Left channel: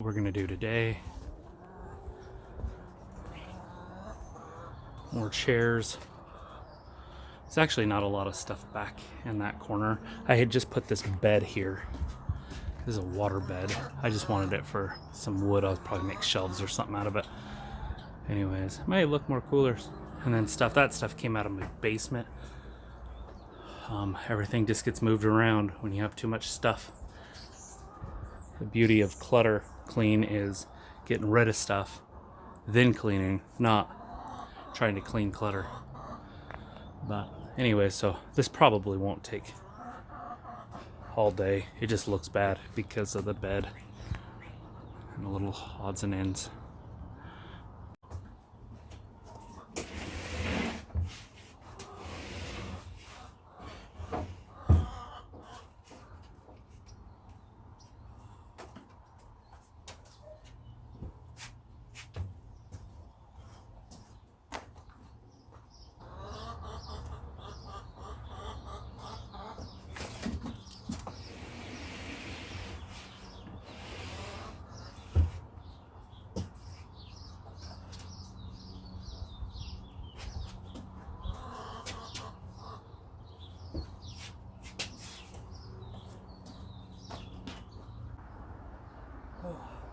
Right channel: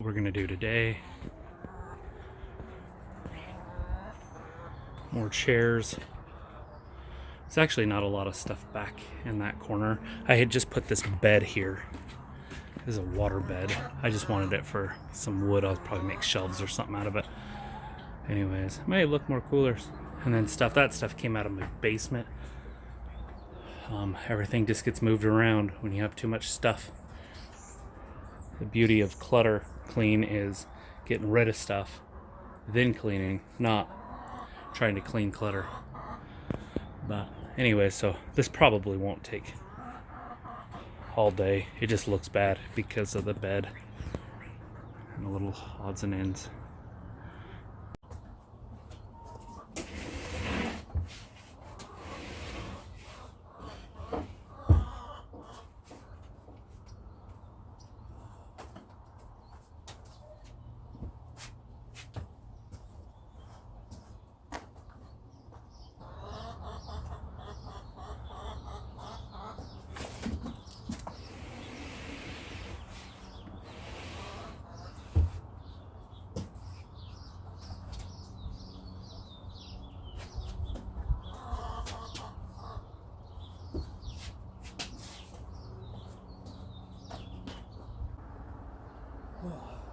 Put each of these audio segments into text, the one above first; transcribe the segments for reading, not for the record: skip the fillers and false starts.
We're gonna do today. More chairs. It's actually not a lot of stuff back in that corner. I had just put this bed here. This is a water bed. I just wanted it for some wood. I'll probably make shelves or something out of it. Anyways, may look more coolers. And then that stuff came out of my basement. Everything just gets moved around when you have too much stuff. The beauty of clutter clean is getting rid of stuff, then cleaning, not trying to clean clutter. But anyway, so this probably won't take all day. It just looks bad because of the bed and the little odds and ends.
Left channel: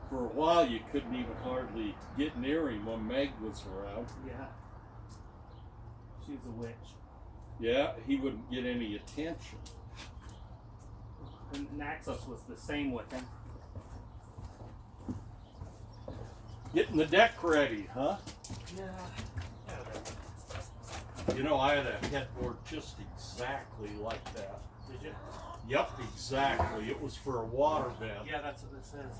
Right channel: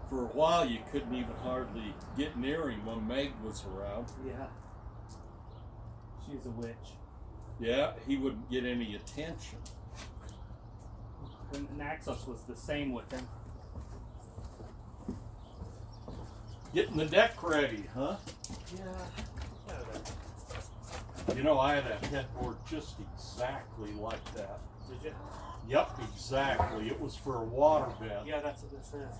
For a while, you couldn't even hardly get near him when Meg was around. Yeah. She's a witch. Yeah, he wouldn't get any attention. And Naxos was the same with him. Getting the deck ready, huh? Yeah. You know, I had a headboard just exactly like that. Did you? Yep, exactly. It was for a water bed. Yeah, that's what it says.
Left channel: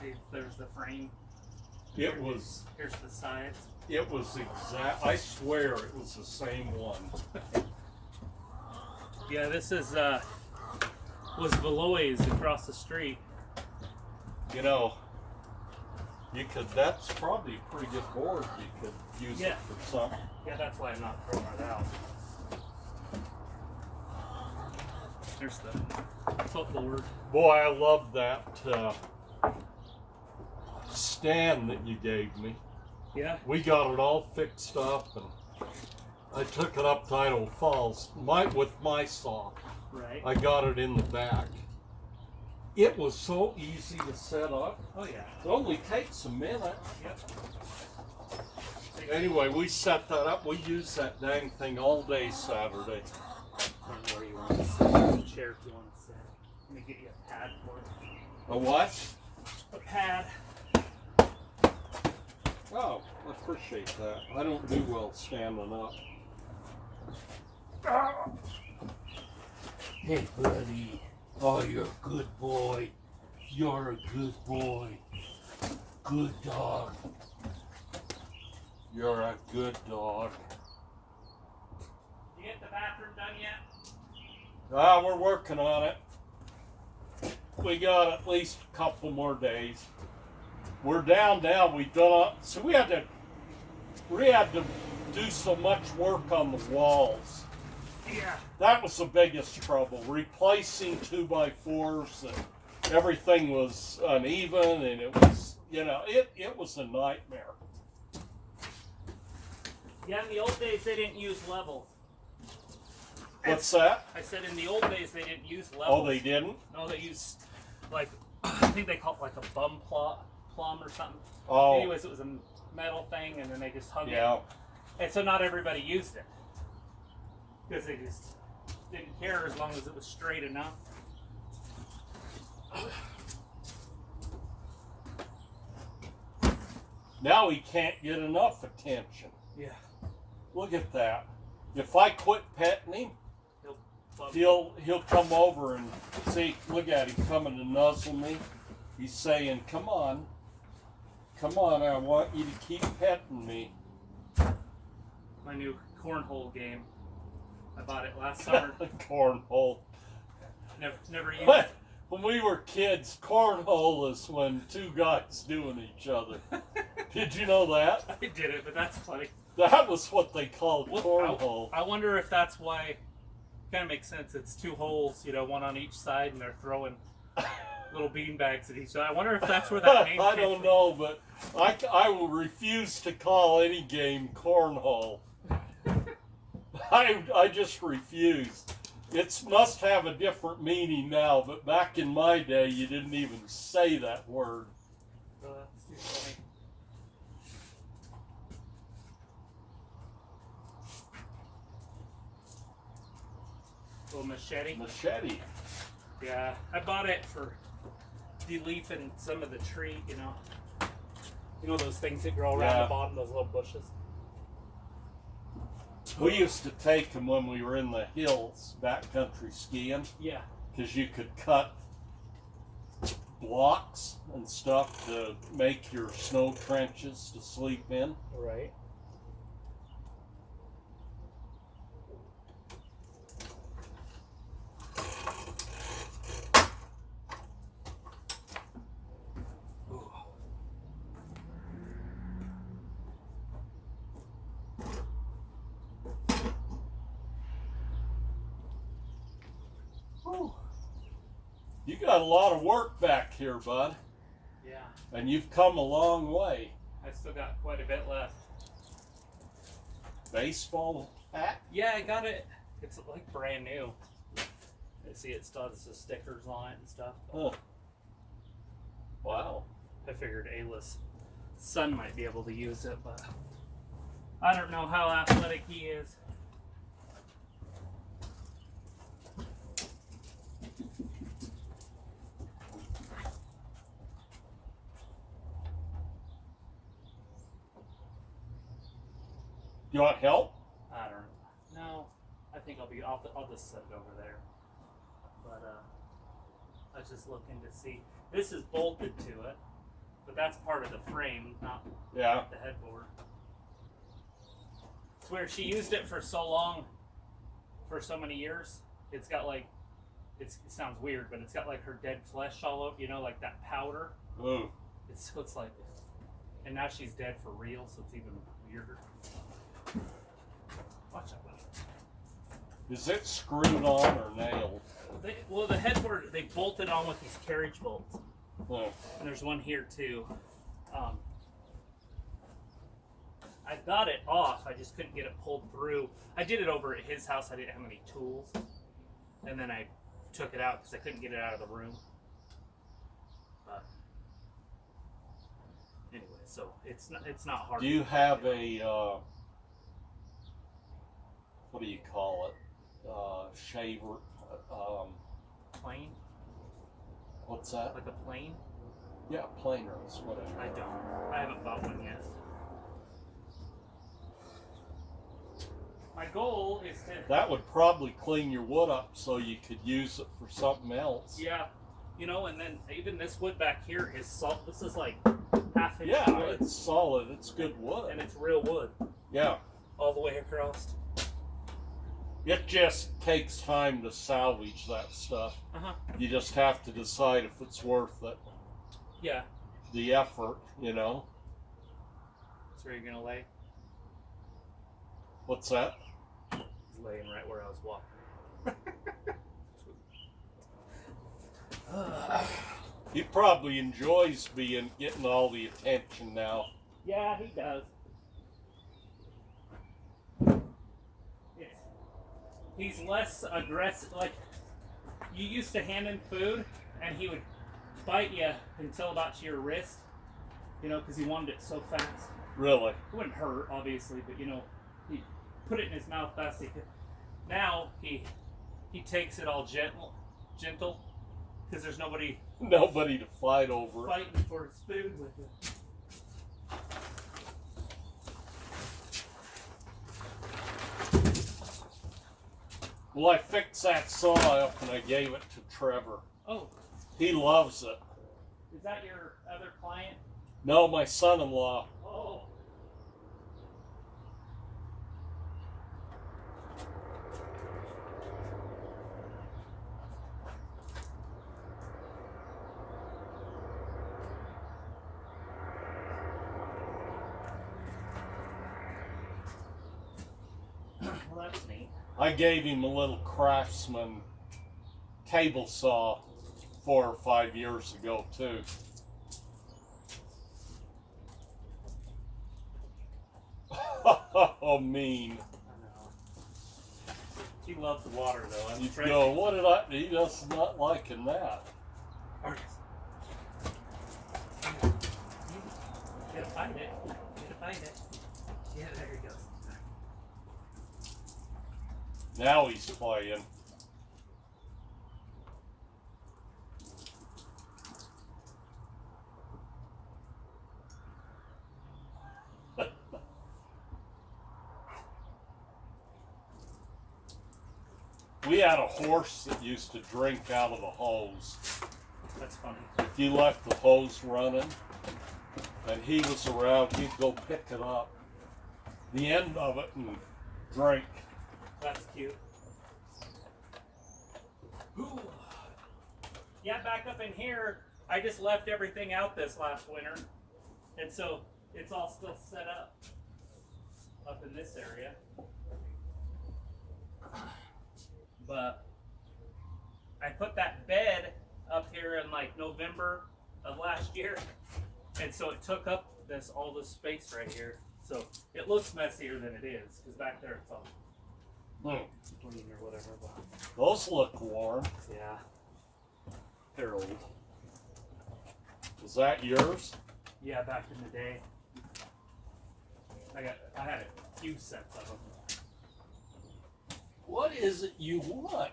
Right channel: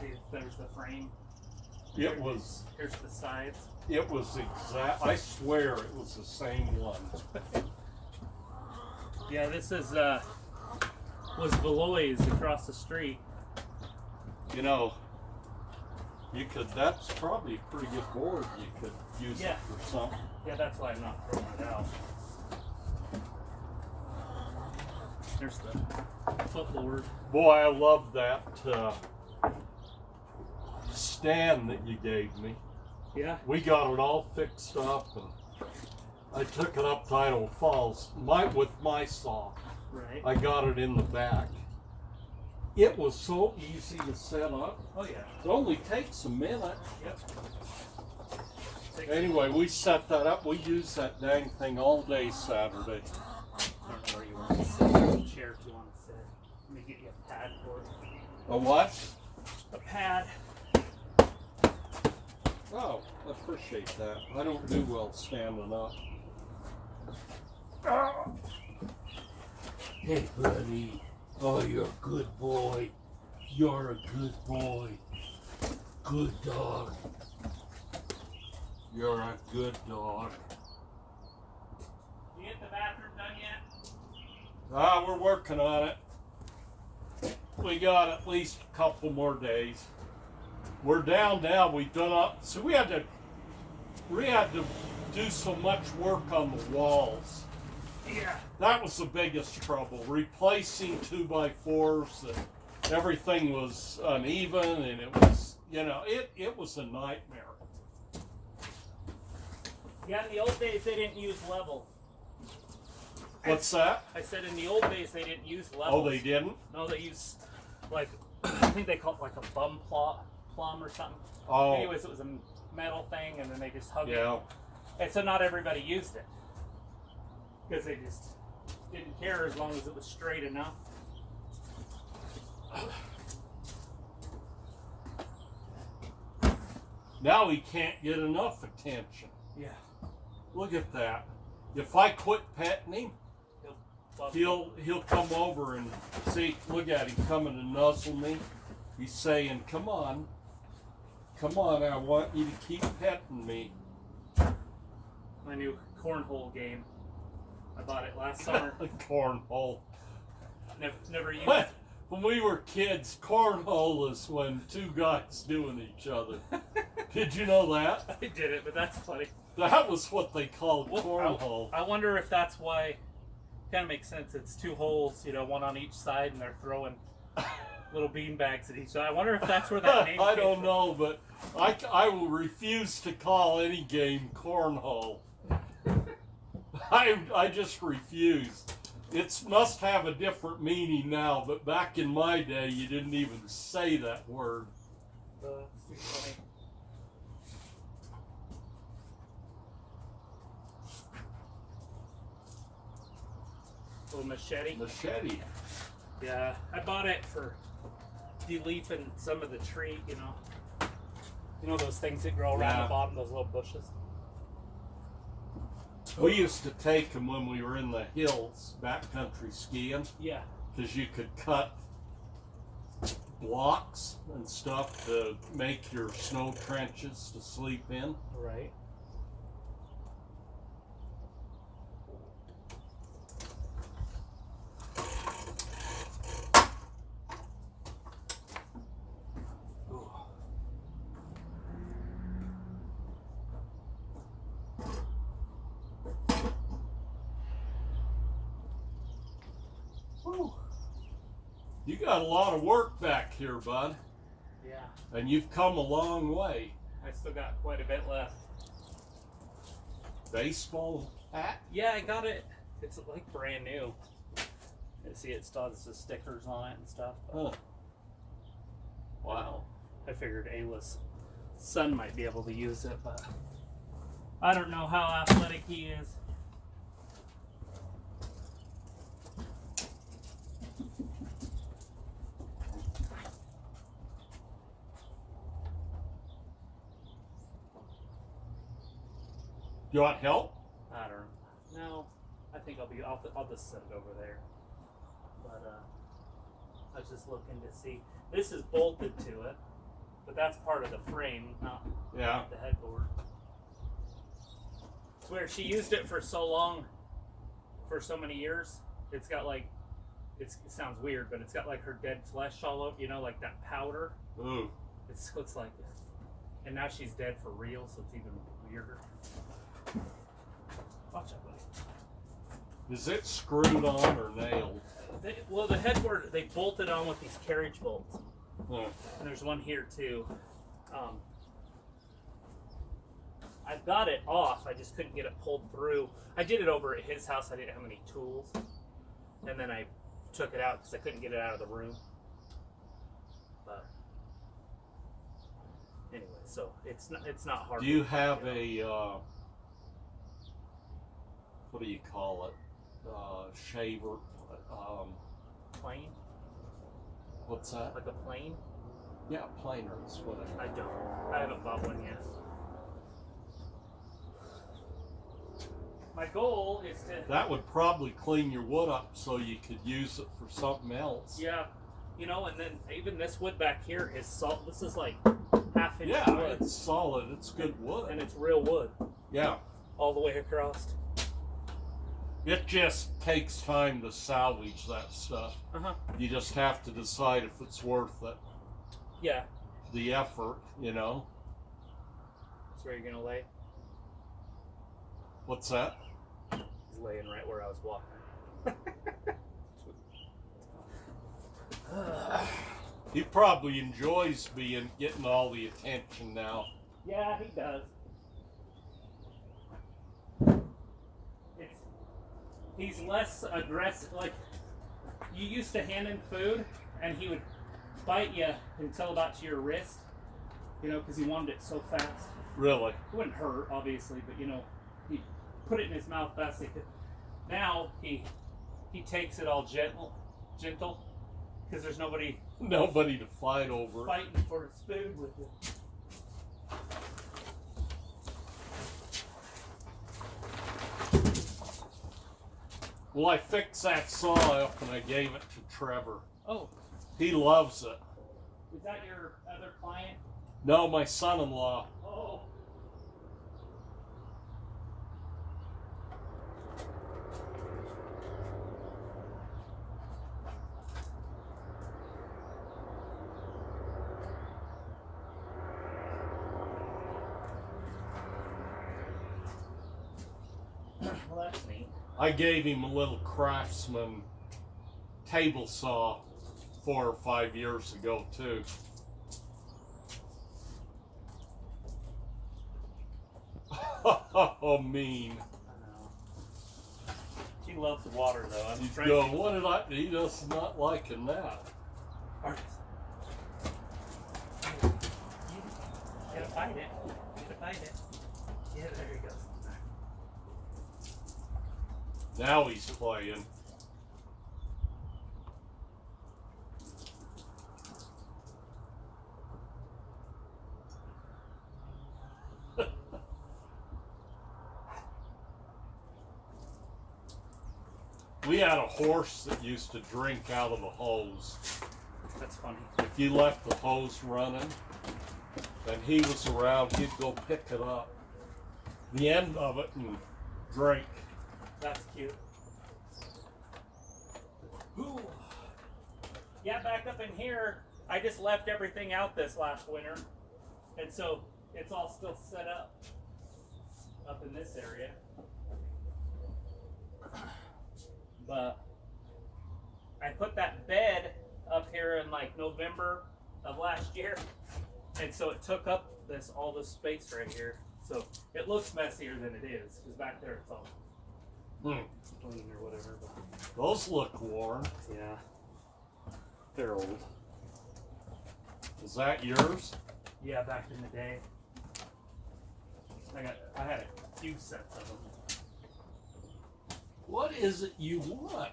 See, there's the frame. It was. Here's the sides. It was exact. I swear it was the same one. Yeah, this is was Beloy's across the street. You know, you could. That's probably a pretty good board. You could use it for something. Yeah, that's why I'm not throwing it out. There's the footboard. Boy, I love that stand that you gave me. Yeah. We got it all fixed up, and I took it up to Idaho Falls with my saw. Right. I got it in the back. It was so easy to set up. Oh yeah. It only takes a minute. Yep. Anyway, we set that up. We used that dang thing all day Saturday. Where you want to sit. There's a chair if you want to sit. Let me get you a pad for it. A what? A pad. Oh, I appreciate that. I don't do well standing up. Hey, buddy. Oh, you're a good boy. You're a good boy. Good dog. You're a good dog. You get the bathroom done yet? We're working on it. We got at least a couple more days. We're down now. We've done so we had to do so much work on the walls. Yeah. That was the biggest trouble. Replacing 2x4s, and everything was uneven, and it was, it was a nightmare. Yeah, in the old days they didn't use levels. What's that? I said in the old days they didn't use levels. Oh, they didn't? No, they used like I think they called it like a plumb or something. Oh. Anyways, it was a metal thing, and then they just hung Yeah. it. And so not everybody used it because they just didn't care as long as it was straight enough. Now he can't get enough attention. Yeah. Look at that. If I quit petting him, Love it. he'll come over and see. Look at him coming to nuzzle me. He's saying, "Come on, I want you to keep petting me." My new cornhole game. I bought it last summer. Cornhole. Never used it. When we were kids, cornhole is when two guys doing each other. Did you know that? I did it, but that's funny. That was what they called cornhole. I wonder if that's why. Kind of makes sense. It's two holes, one on each side, and they're throwing little bean bags that he's. I wonder if that's where that name I came don't from. know, but I will refuse to call any game cornhole. I just refuse. It must have a different meaning now, but back in my day, you didn't even say that word. That's too funny. Little machete. Machete. Yeah, I bought it for deleafing some of the tree, you know. You know those things that grow around Yeah. the bottom, those little bushes? We used to take them when we were in the hills, backcountry skiing, Yeah. because you could cut blocks and stuff to make your snow trenches to sleep in. Right. Whew. You got a lot of work back here, bud, Yeah. and you've come a long way. I still got quite a bit left. Baseball hat? Yeah, I got it. It's like brand new. You see, it still has the stickers on it and stuff. Huh. Wow. I figured Ayla's son might be able to use it, but I don't know how athletic he is. You want help? I don't know. No, I think I'll just set it over there. But I was just looking to see. This is bolted to it, but that's part of the frame, not Yeah. the headboard. It's where she used it for so long, for so many years. It's got like, it sounds weird, but it's got like her dead flesh all over, you know, like that powder. Ooh. It's like, and now she's dead for real, so it's even weirder. Watch out, buddy. Is it screwed on or nailed? Well, the headboard, they bolted on with these carriage bolts. Huh. And there's one here too. I got it off, I just couldn't get it pulled through. I did it over at his house, I didn't have any tools. And then I took it out because I couldn't get it out of the room. But anyway, so it's not hard. Do you have a, what do you call it? Shaver? plane? What's that? Like a plane? Yeah, planer is what it I is. don't. I haven't bought one yet. My goal is to. That would probably clean your wood up so you could use it for something else. Yeah, you know, and then even this wood back here is salt. This is like half-inch Yeah, wood, it's solid. It's good wood. and it's real wood Yeah. all the way across. It just takes time to salvage that stuff. You just have to decide if it's worth it. Yeah. The effort, you know. That's where you're gonna lay. What's that? He's laying right where I was walking. He probably enjoys getting all the attention now. Yeah, he does. He's less aggressive. Like, you used to hand him food, and he would bite you until about to your wrist, you know, because he wanted it so fast. Really? It wouldn't hurt, obviously, but, you know, he put it in his mouth fast as he could. Now, he takes it all gentle, because there's nobody Nobody to fight over it. fighting for his food with him. Well, I fixed that saw up and I gave it to Trevor. Oh, He loves it. is that your other client? No, my son-in-law. Oh. Well, that's neat. I gave him a little Craftsman table saw 4 or 5 years ago too. Oh, mean. I know. He loves the water though. I'm You trying go, what did I? He does not liking that. Artist. You gotta find it. You gotta find it. Yeah, there he goes. Now he's playing. We had a horse that used to drink out of the hose. That's funny. If you left the hose running and he was around, he'd go pick it up, the end of it, and drink. That's cute. Ooh. Yeah, back up in here, I just left everything out this last winter. And so it's all still set up in this area. But I put that bed up here in like November of last year. And so it took up all this space right here. So it looks messier than it is, because back there it's all clean or whatever. But Those look warm. yeah, they're old. Is that yours? Yeah, back in the day, I had a few sets of them. What is it you want?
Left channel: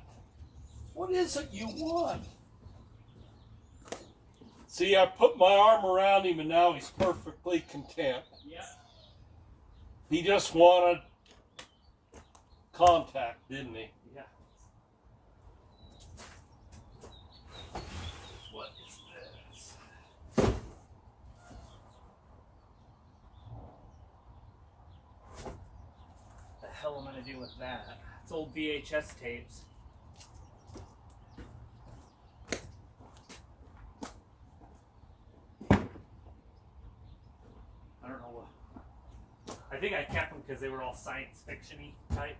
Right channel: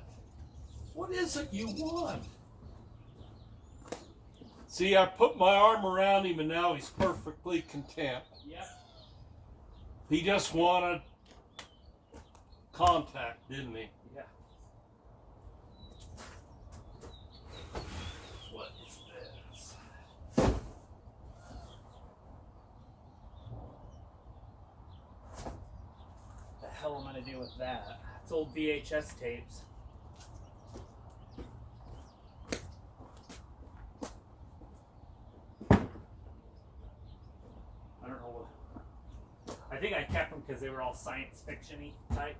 What is it you want? See, I put my arm around him and now he's perfectly content. Yeah. He just wanted contact, didn't he? Yeah. What is this? The hell am I gonna do with that? It's old VHS tapes. I don't know what. I think I kept them because they were all science fiction-y type.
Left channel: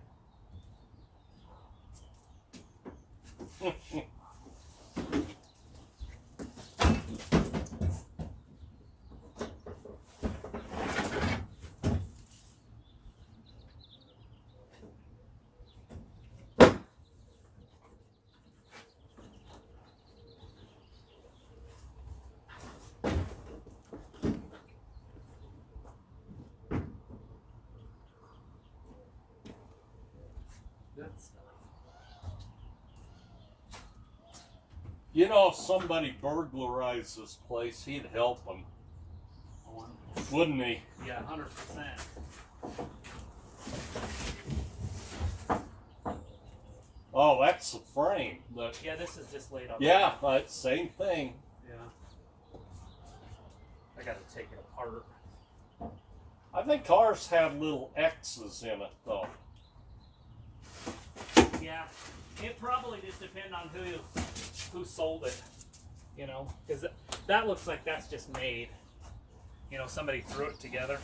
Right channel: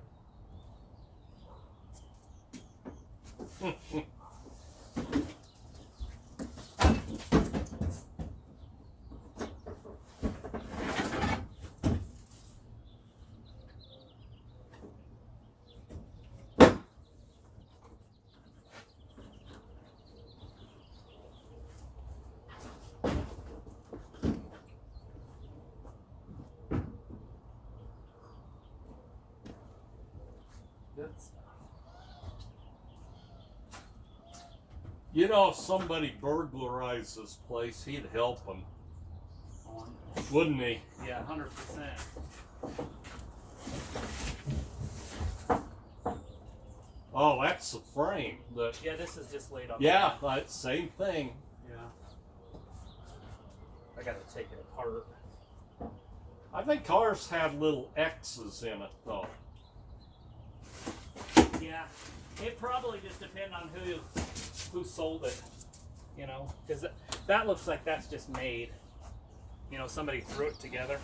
Good stuff. You know, if somebody burglarized this place, he'd help them, On. wouldn't he? Yeah, 100%. Oh, that's the frame. Yeah, this is just laid on. Yeah, same thing. Yeah. I gotta take it apart. I think ours had little X's in it, though. Yeah, it probably just depends on who sold it, you know, because that looks like that's just made. You know, somebody threw it together.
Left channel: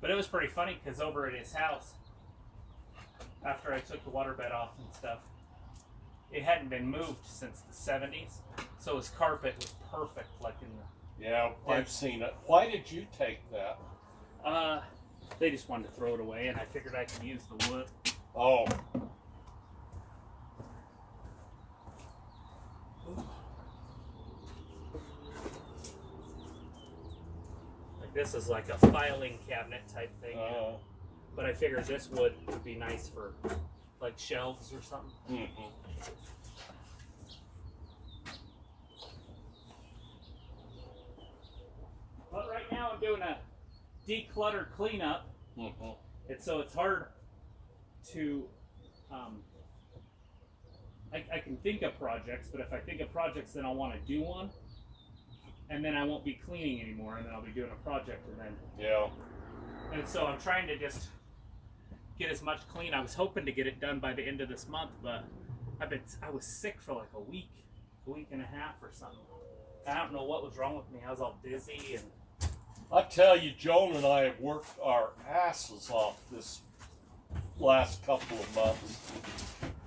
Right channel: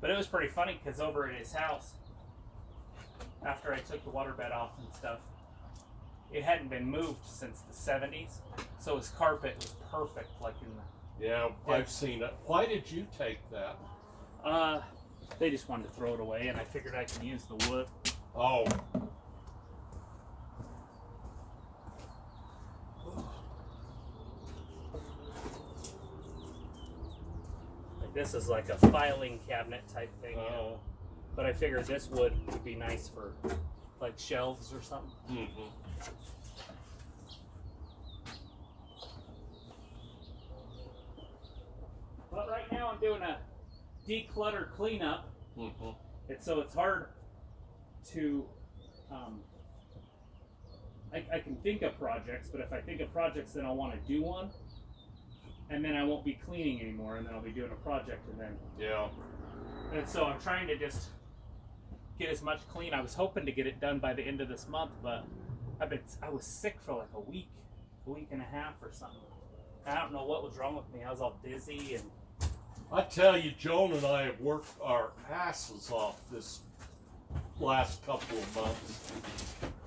But it was pretty funny because over at his house, after I took the waterbed off and stuff, it hadn't been moved since the 70s, so his carpet was perfect, like in the. Yeah, I've seen it. Why did you take that? They just wanted to throw it away, and I figured I could use the wood. Oh. Like this is like a filing cabinet type thing, you know? But I figured this wood would be nice for like shelves or something. Mm-hmm. But right now I'm doing a declutter cleanup. Mm-hmm. So it's hard to, I can think of projects, but if I think of projects, then I'll want to do one, and then I won't be cleaning anymore, and then I'll be doing a project, and then. Yeah. And so I'm trying to just get as much clean. I was hoping to get it done by the end of this month, but I was sick for like a week and a half or something. I don't know what was wrong with me. I was all dizzy and. I tell you, Joan and I have worked our asses off this last couple of months.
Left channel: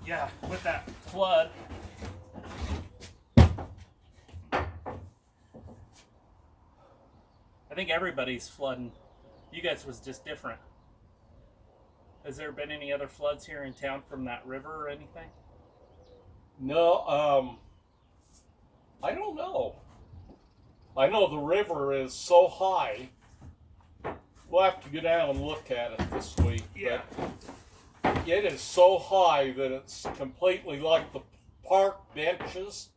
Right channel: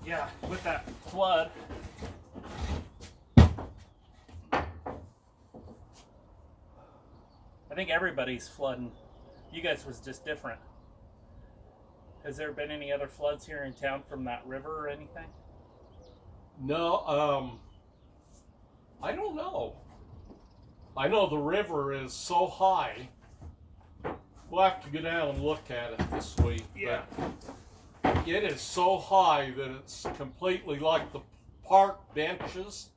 Yeah, with that flood. I think everybody's flooding. You guys was just different. Has there been any other floods here in town from that river or anything? No, I don't know. I know the river is so high. We'll have to go down and look at it this week. Yeah. But it is so high that it's completely like the park benches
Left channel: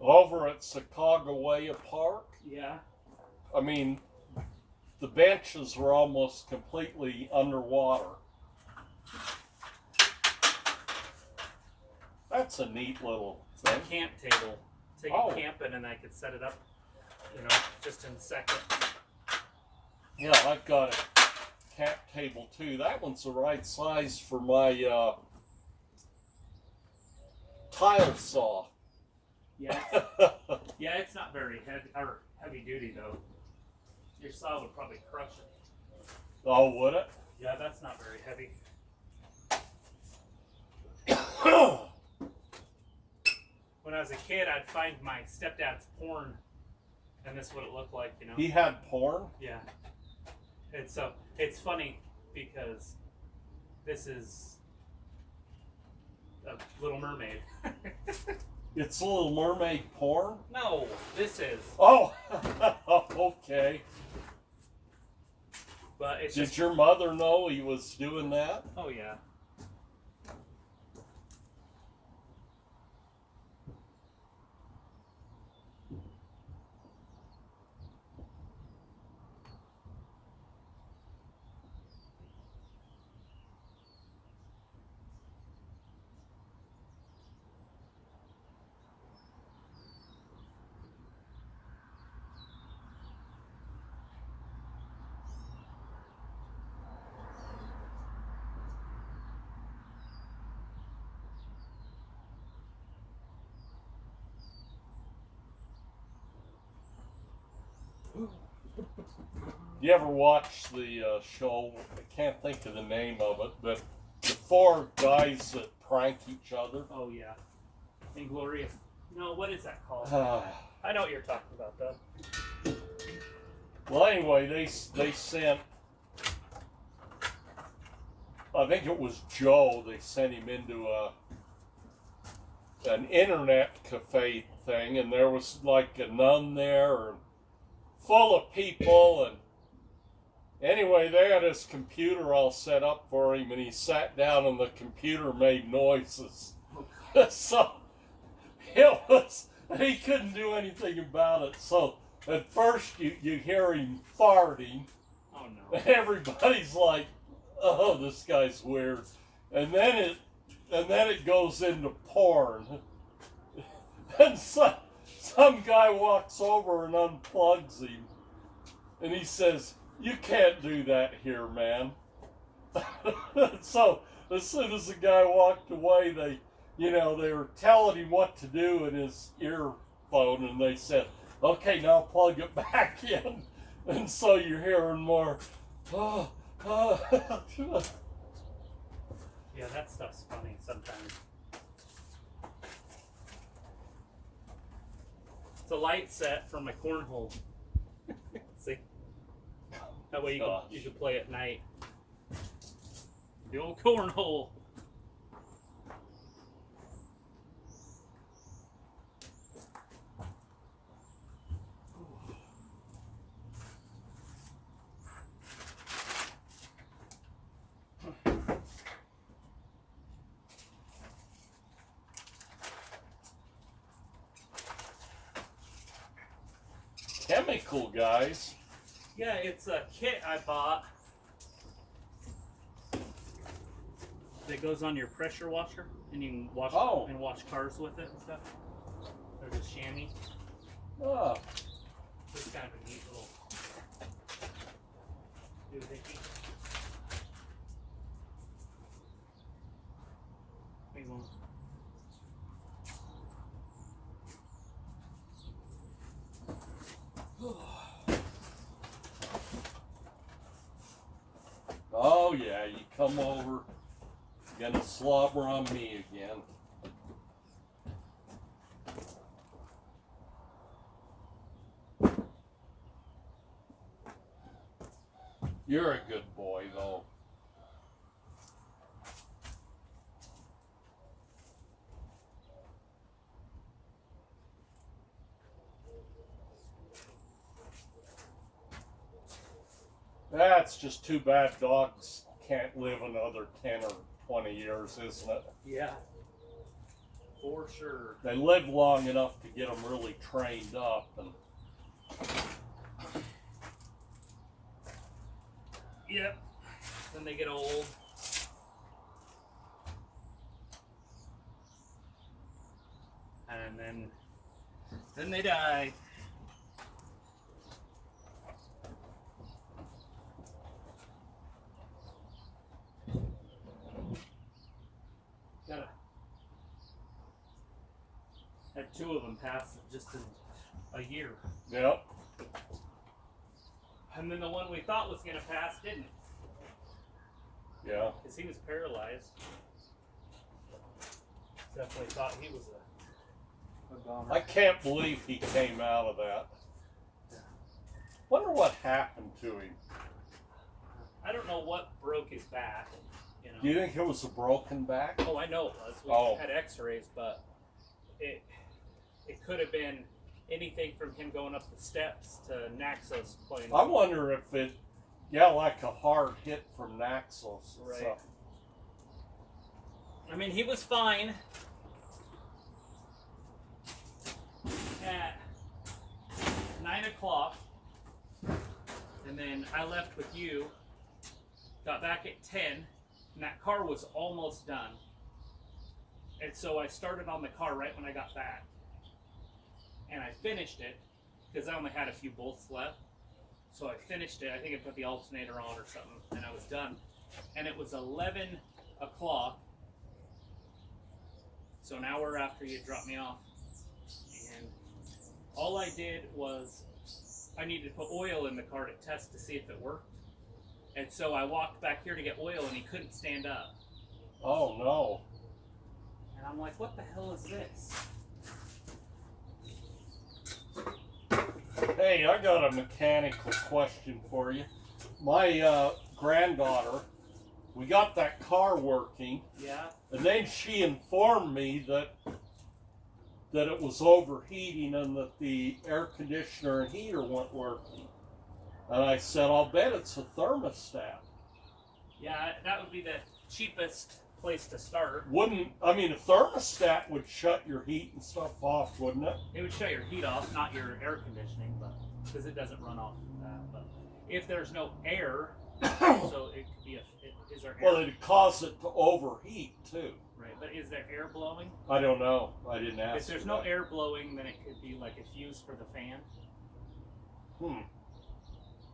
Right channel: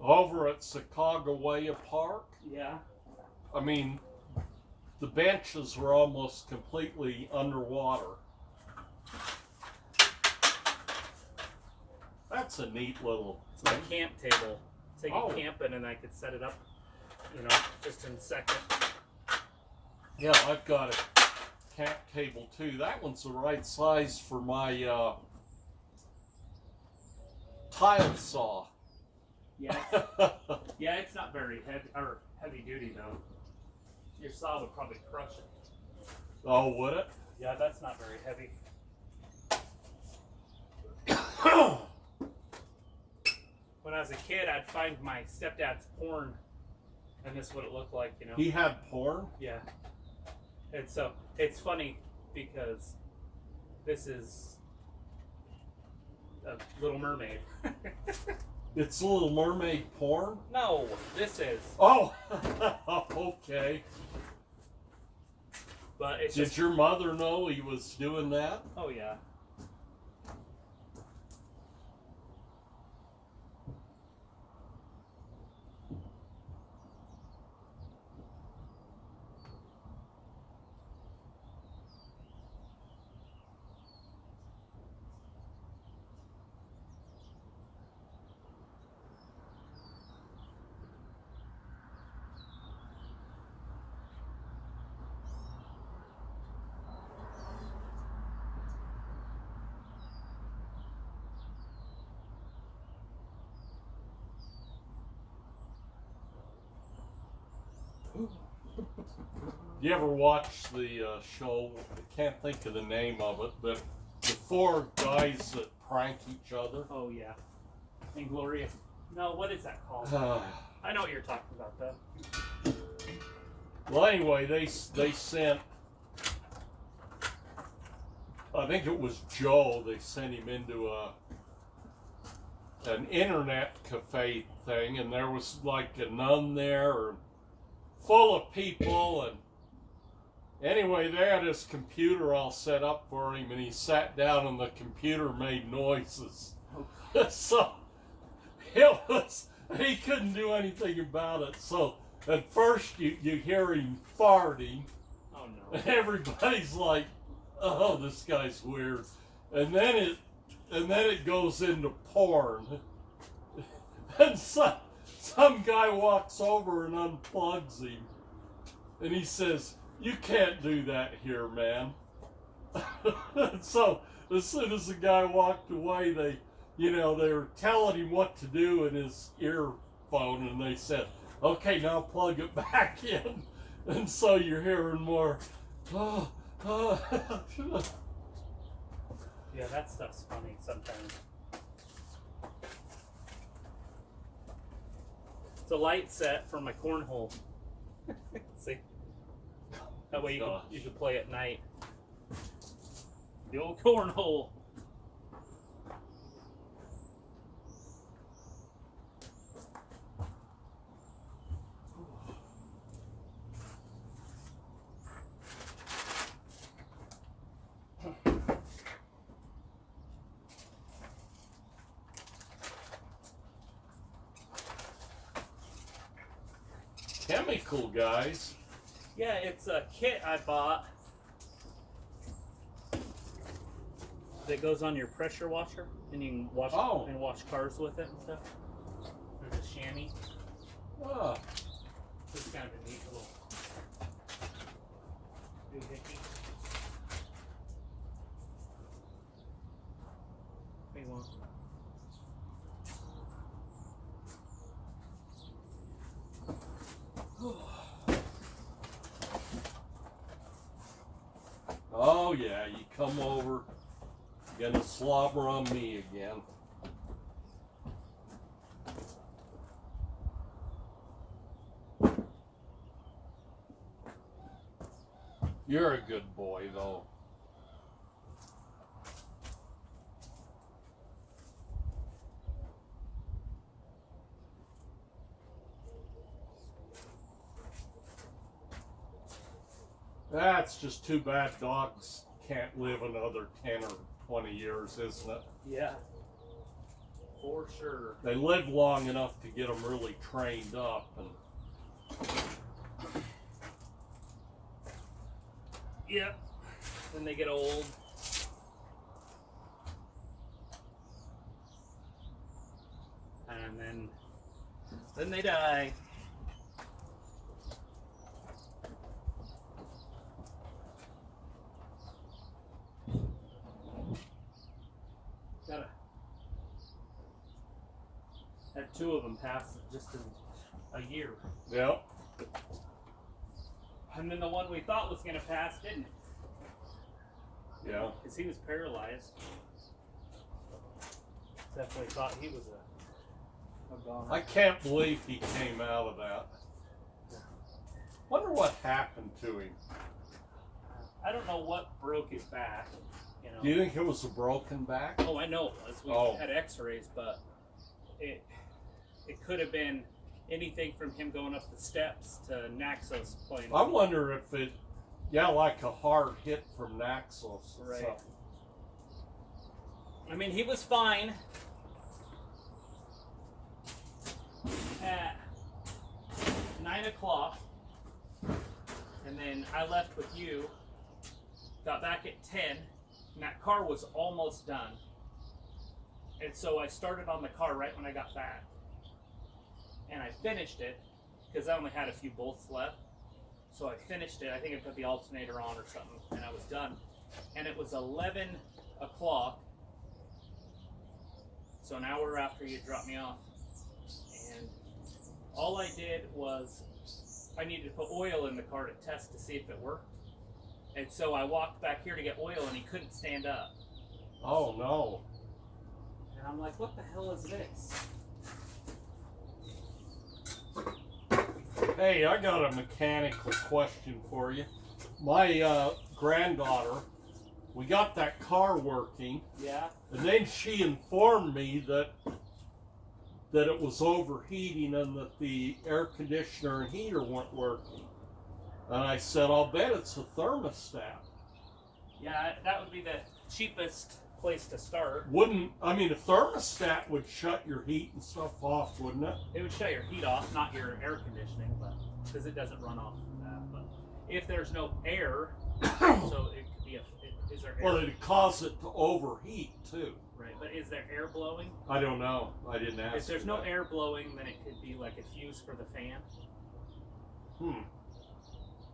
over at Sacagawea Park. Yeah. I mean, the benches were almost completely underwater. That's a neat little It's my camp table. Take Oh. it camping and I could set it up, just in seconds. Yeah, I've got a camp table too. That one's the right size for my tile saw. Yeah. Yeah, it's not very heavy duty though. Your saw would probably crush it. Oh, would it? Yeah, that's not very heavy. When I was a kid, I'd find my stepdad's porn, and this is what it looked like, He had porn? Yeah. And so it's funny because this is a Little Mermaid. It's Little Mermaid porn? No, this is. Oh, okay. But it's Did just. your mother know he was doing that? Oh yeah. You ever watch the show? I can't think of the name of it, but the four guys that prank each other. Oh yeah. Inglorious. No, what is that called? I know what you're talking about though. Well, anyway, they sent. I think it was Joe. They sent him into an internet cafe thing, and there was like a nun there, and full of people, and anyway, they had his computer all set up for him, and he sat down, and the computer made noises. Oh, So he couldn't do anything about it. So at first you hear him farting, oh no. and everybody's like, "Oh, this guy's weird," and then it goes into porn, and some guy walks over and unplugs him, and he says, "You can't do that here, man." So as soon as the guy walked away, they were telling him what to do in his earphone, and they said, "Okay, now plug it back in." And so you're hearing more. Oh. Yeah, that stuff's funny sometimes. It's a light set from my cornhole. See? That way you can play at night. The old cornhole. Chemical guys. Yeah, it's a kit I bought that goes on your pressure washer, and you can wash cars with it and stuff. There's a chamois. Ah, It's kind of a neat little doohickey. Big one. oh yeah, you come over, you gonna slobber on me again. You're a good boy, though. That's just too bad dogs can't live another 10 or 20 years, isn't it? Yeah. For sure. They live long enough to get them really trained up. And Yep. Then they get old. And then they die. Had 2 of them pass just in a year. Yep. And then the one we thought was going to pass didn't. Yeah. Because he was paralyzed. Definitely thought he was a goner. I can't believe he came out of that. Wonder what happened to him. I don't know what broke his back. You know. Do you think it was a broken back? Oh, I know it was. We had X-rays, but it could have been anything from him going up the steps to Naxos playing. I wonder if it, like a hard hit from Naxos. Right. So. I mean, he was fine at 9 o'clock, and then I left with you, got back at 10, and that car was almost done. And so I started on the car right when I got back. And I finished it, because I only had a few bolts left. So I finished it. I think I put the alternator on or something, and I was done. And it was 11 o'clock. So an hour after you dropped me off. And all I did was, I needed to put oil in the car to test to see if it worked. And so I walked back here to get oil, and he couldn't stand up. Oh, no. And I'm like, what the hell is this? Hey, I got a mechanical question for you. My granddaughter, we got that car working. Yeah. And then she informed me that it was overheating and that the air conditioner and heater weren't working. And I said, I'll bet it's a thermostat. Yeah, that would be the cheapest place to start. A thermostat would shut your heat and stuff off, wouldn't it? It would shut your heat off, not your air conditioning, but because it doesn't run off of that. But if there's no air, so it could be is there air? Well, it'd cause it to overheat too. Right, but is there air blowing? I don't know. I didn't ask. If there's no air blowing, then it could be like a fuse for the fan. You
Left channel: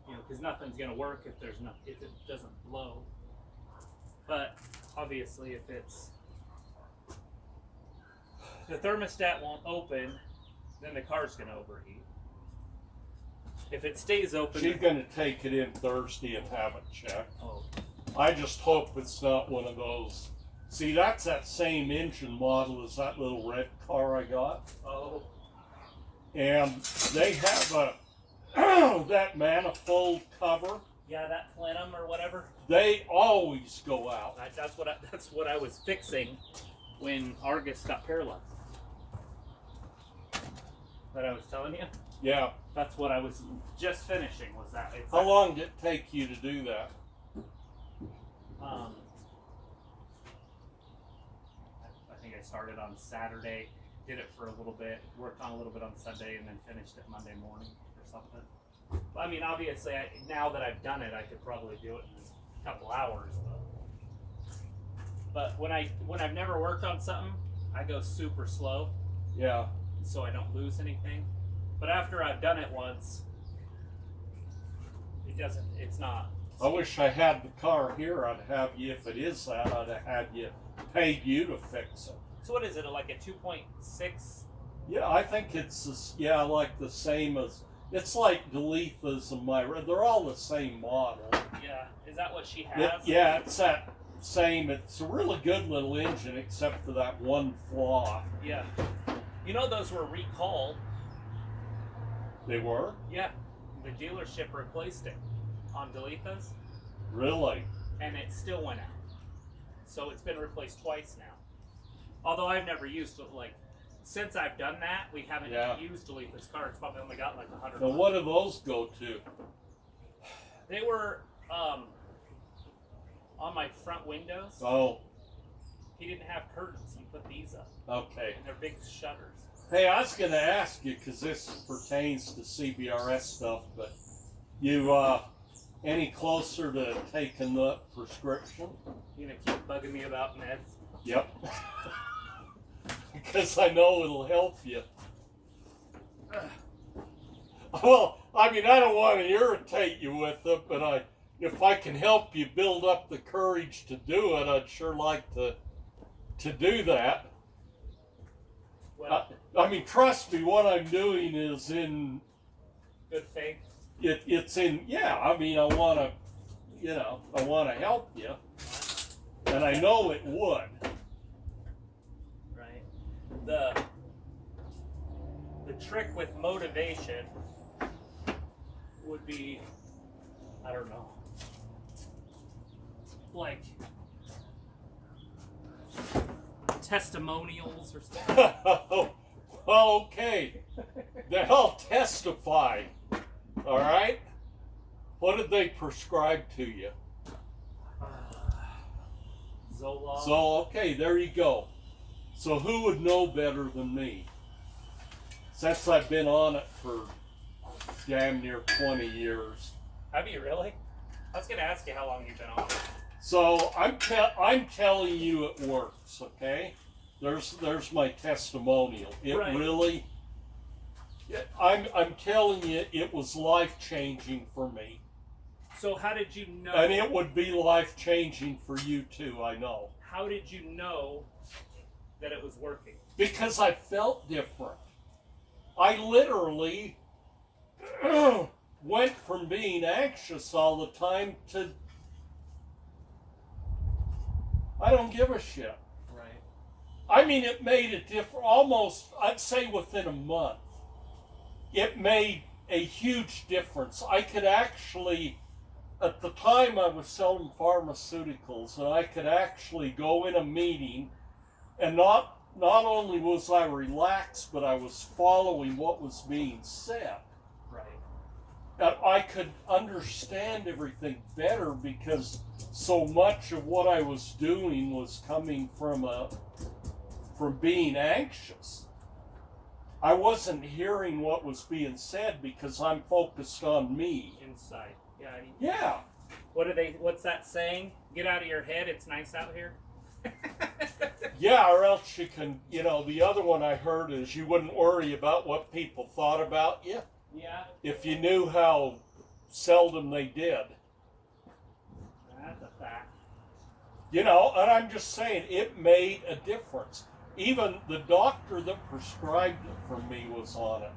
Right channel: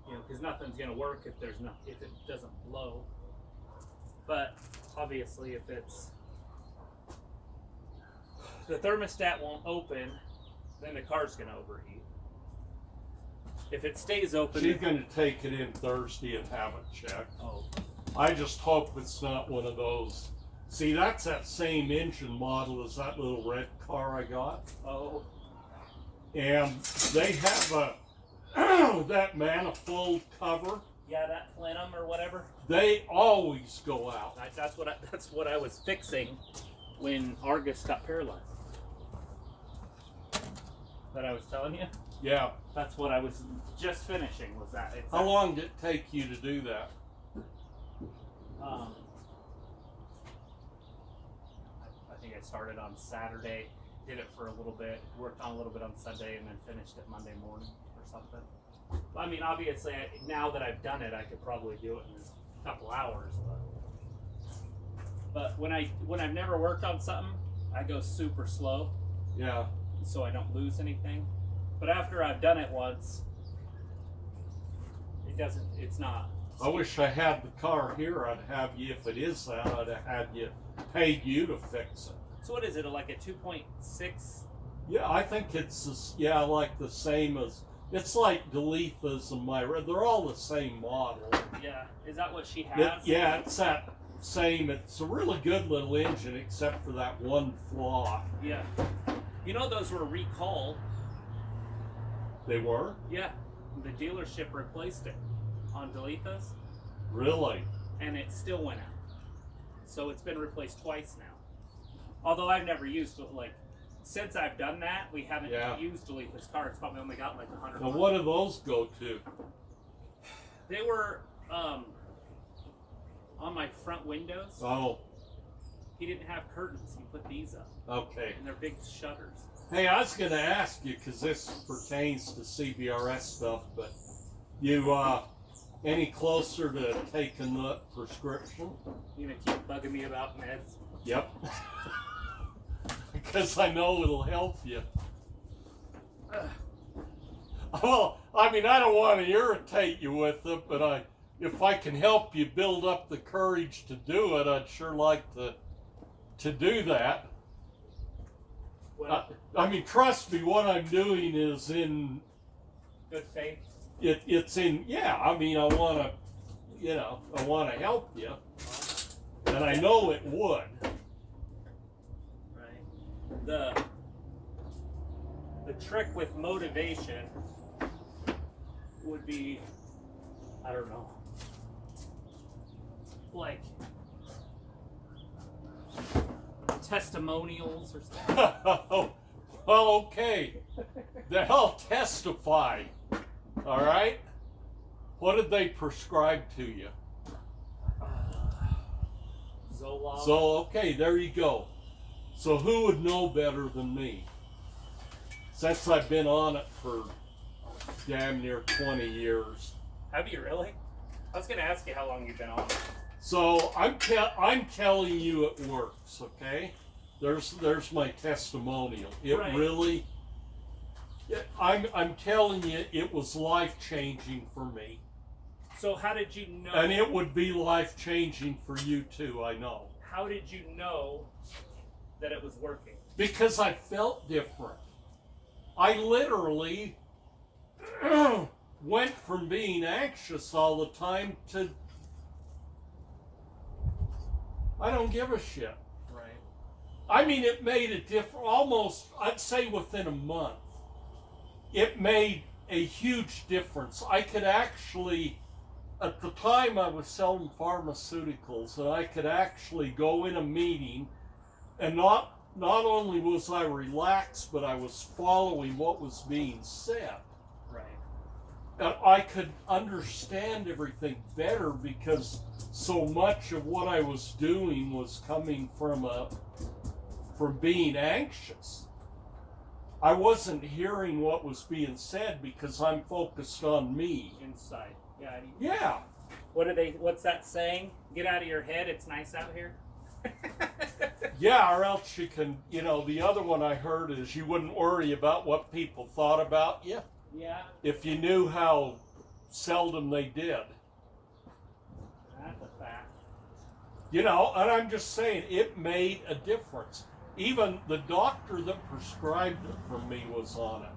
know, because nothing's gonna work if it doesn't blow. But obviously, if the thermostat won't open, then the car's gonna overheat. If it stays open, She's going to take it in Thursday and have it checked. Oh. I just hope it's not one of those. See, that's that same engine model as that little red car I got. Oh. And they have that manifold cover. Yeah, that plenum or whatever. They always go out. That's what I was fixing when Argus got paralyzed. That I was telling you. Yeah. That's what I was just finishing. Was that? How long did it take you to do that? I think I started on Saturday, did it for a little bit, worked on a little bit on Sunday, and then finished it Monday morning or something. I mean, obviously, now that I've done it, I could probably do it in a couple hours. But when I've never worked on something, I go super slow. Yeah. So I don't lose anything. But after I've done it once, it's not. I wish I had the car here. I'd have you, if it is that, I'd have had you, paid you to fix it. So what is it, like a 2.6? Yeah, I think it's, like the same as, it's like Delitha's and Myra. They're all the same model. Yeah, is that what she has? It's that same. It's a really good little engine, except for that one flaw. Yeah. You know those were recalled. They were? Yeah. The dealership replaced it on Deletas, Really? and it still went out. So it's been replaced twice now. Although I've never used it, like, since I've done that, we haven't used Deletas car. It's probably only got like 100. Now, what do those go to? They were on my front windows. Oh, He didn't have curtains. He put these up, okay. and they're big shutters. Hey, I was going to ask you, because this pertains to CBRS stuff, but you any closer to taking the prescription? You gonna keep bugging me about meds? Yep. Because I know it'll help you. Well, I mean, I don't want to irritate you with it, but if I can help you build up the courage to do it, I'd sure like to do that. Well, I mean, trust me, what I'm doing is in good faith. It's in, yeah, I mean, I want to help you, and I know it would. Right. The trick with motivation would be, I don't know, like testimonials or stuff. Well, okay, then I'll testify. All right. What did they prescribe to you? Zoloft. So, okay, there you go. So who would know better than me? Since I've been on it for damn near 20 years. Have you really? I was going to ask you how long you've been on it. So I'm telling you it works, okay? There's my testimonial. It Right. really, I'm telling you, it was life-changing for me. So how did you know? And it would be life-changing for you too, I know. How did you know that it was working? Because I felt different. I literally went from being anxious all the time to I don't give a shit. Right. I mean, it made a difference almost, I'd say within a month. It made a huge difference. I could actually, at the time I was selling pharmaceuticals, and I could actually go in a meeting and not only was I relaxed, but I was following what was being said. Right. And I could understand everything better because so much of what I was doing was coming from being anxious. I wasn't hearing what was being said because I'm focused on me. Inside. Yeah. Yeah. What's that saying? Get out of your head. It's nice out here. Yeah, or else you can, the other one I heard is you wouldn't worry about what people thought about you. Yeah. If you knew how seldom they did. That's a fact. And I'm just saying, it made a difference. Even the doctor that prescribed it for me was on it.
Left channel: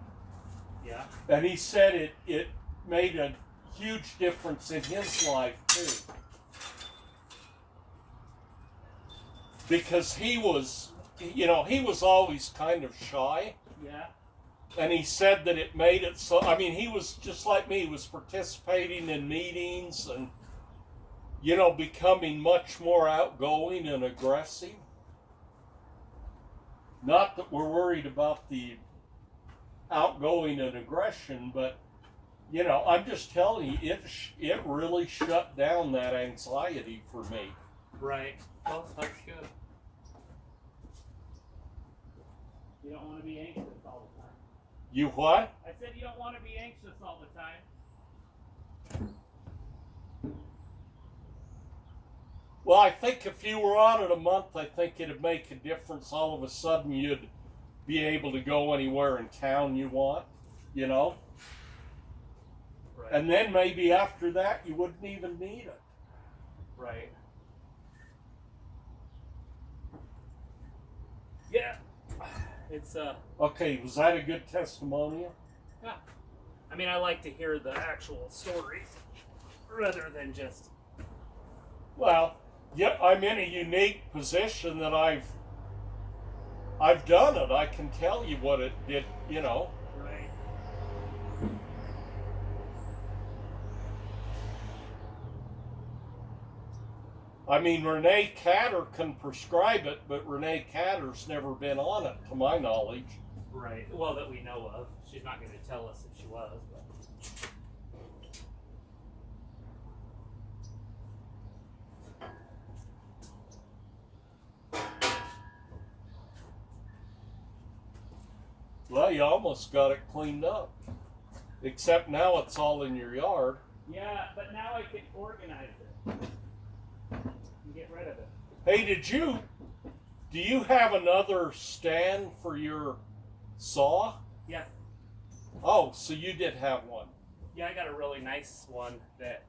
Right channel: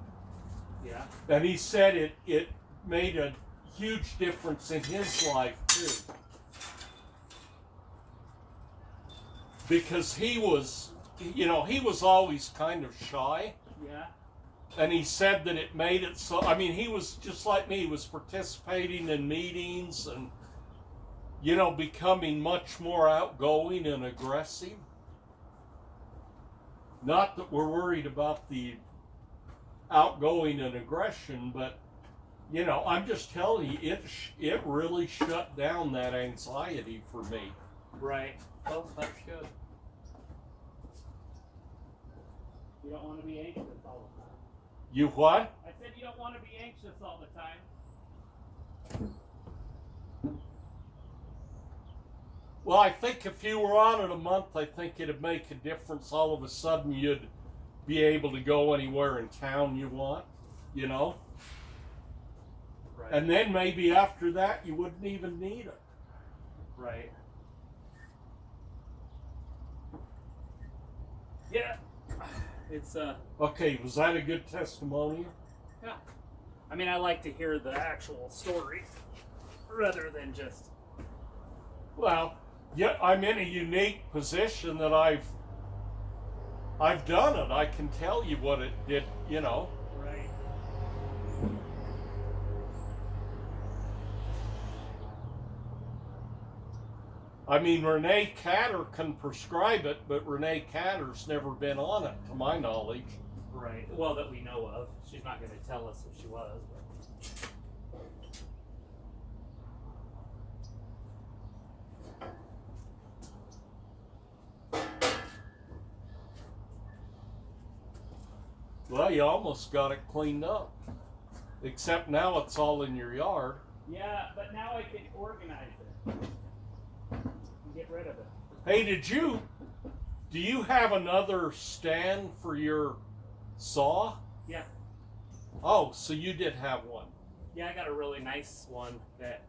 Yeah. And he said it made a huge difference in his life, too. Because he was always kind of shy. Yeah. And he said that it made it so, he was just like me. He was participating in meetings and, becoming much more outgoing and aggressive. Not that we're worried about the outgoing and aggression, but, I'm just telling you, it really shut down that anxiety for me. Right. Well, that's good. You don't want to be anxious all the time. You what? I said you don't want to be anxious all the time. Well, I think if you were on it a month, I think it'd make a difference. All of a sudden, you'd be able to go anywhere in town you want, Right. And then maybe after that, you wouldn't even need it. Right. Yeah. It's Okay, was that a good testimonial? yeah. I like to hear the actual stories rather than just Well, Yeah, I'm in a unique position that I've done it. I can tell you what it did, you know. Right. I mean, Renee Catter can prescribe it, but Renee Catter's never been on it, to my knowledge. Right. Well, that we know of. She's not going to tell us if she was, but. Well, you almost got it cleaned up. Except now it's all in your yard. Yeah, but now I can organize it and get rid of it. Hey, do you have another stand for your saw? Yeah. Oh, so you did have one. Yeah, I got a really nice one that.